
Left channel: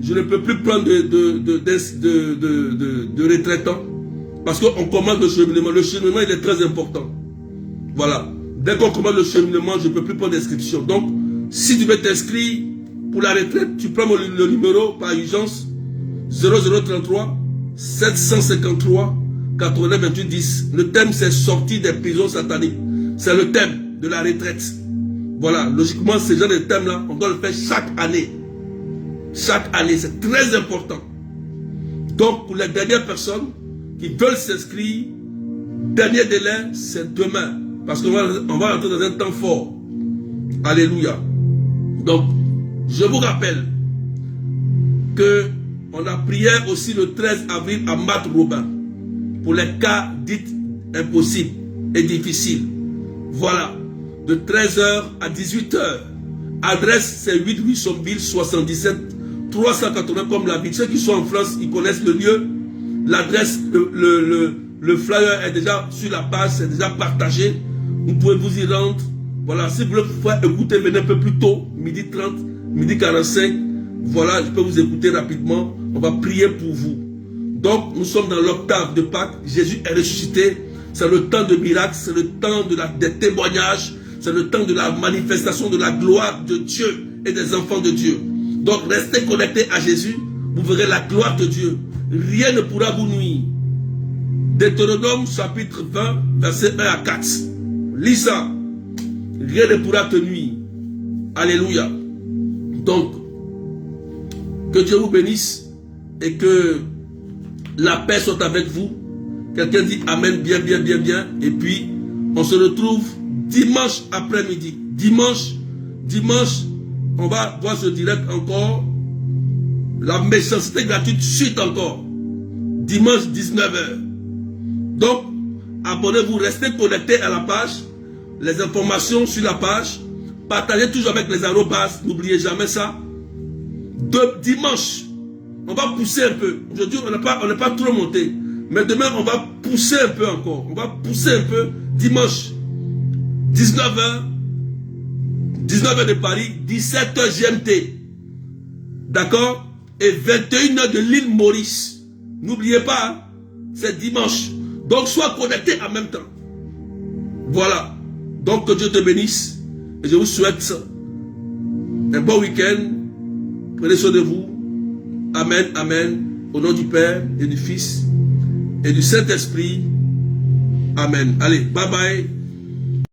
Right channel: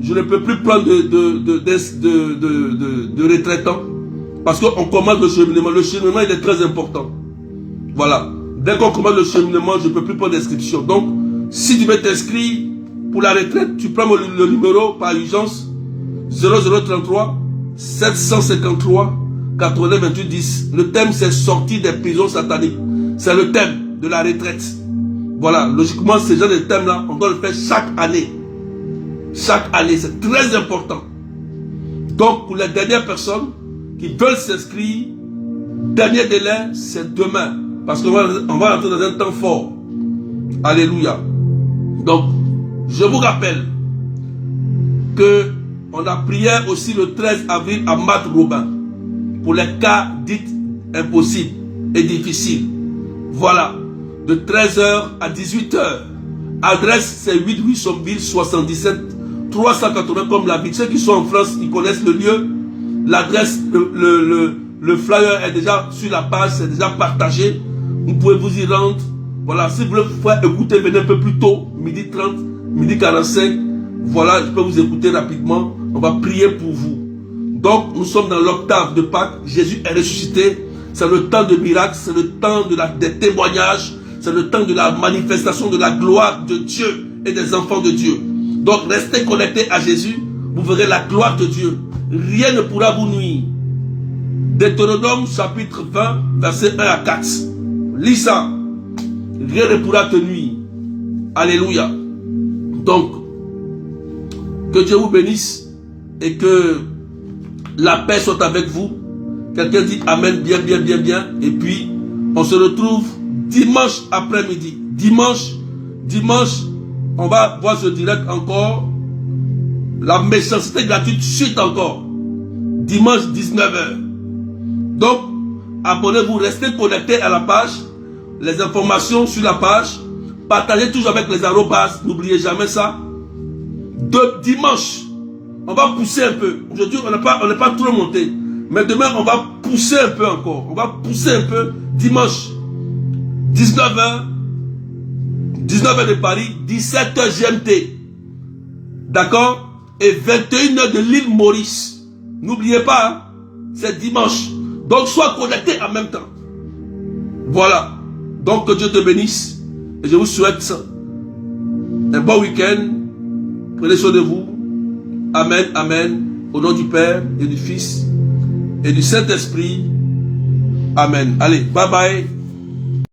je ne peux plus prendre de retraitants parce qu'on commence le cheminement. Le cheminement il est très important. Voilà. Dès qu'on commence le cheminement, je ne peux plus prendre d'inscription. Donc, si tu veux t'inscrire pour la retraite, tu prends le numéro par urgence 0033 753 89 28 10. Le thème c'est sortie des prisons sataniques. C'est le thème de la retraite. Voilà. Logiquement, ce genre de thème-là, on doit le faire chaque année. Chaque année, c'est très important. Donc, pour les dernières personnes qui veulent s'inscrire, dernier délai, c'est demain. Parce qu'on va entrer dans un temps fort. Alléluia. Donc, je vous rappelle que on a prié aussi le 13 avril à Mat Robin pour les cas dits impossibles et difficiles. Voilà. De 13h à 18h. Adresse, c'est 8 rue Sombille, 77 380 comme l'habitude. Ceux qui sont en France, ils connaissent le lieu. L'adresse, le flyer est déjà sur la page, c'est déjà partagé. Vous pouvez vous y rendre. Voilà, si vous voulez écouter, venez un peu plus tôt, midi 30, midi 45. Voilà, je peux vous écouter rapidement. On va prier pour vous. Donc, nous sommes dans l'octave de Pâques. Jésus est ressuscité. C'est le temps de miracle, c'est le temps des témoignages. C'est le temps de la manifestation de la gloire de Dieu et des enfants de Dieu. Donc, restez connectés à Jésus. Vous verrez la gloire de Dieu. Rien ne pourra vous nuire. Deutéronome chapitre 20, verset 1 à 4. Lis ça. Rien ne pourra te nuire. Alléluia. Donc, que Dieu vous bénisse et que la paix soit avec vous. Quelqu'un dit Amen bien, bien, bien, bien. Et puis, on se retrouve dimanche après-midi. Dimanche, on va voir ce direct encore. La méchanceté gratuite suite encore. Dimanche 19h. Donc, abonnez-vous, restez connectés à la page. Les informations sur la page. Partagez toujours avec les arrobas. N'oubliez jamais ça. Dimanche, on va pousser un peu. Aujourd'hui, on n'est pas trop monté. Mais demain, on va pousser un peu encore. On va pousser un peu. Dimanche, 19h de Paris, 17h GMT. D'accord? Et 21h de l'île Maurice. N'oubliez pas, hein? C'est dimanche. Donc, sois connecté en même temps. Voilà. Donc, que Dieu te bénisse. Et je vous souhaite un bon week-end. Prenez soin de vous. Amen, amen. Au nom du Père et du Fils et du Saint-Esprit. Amen. Allez, bye bye.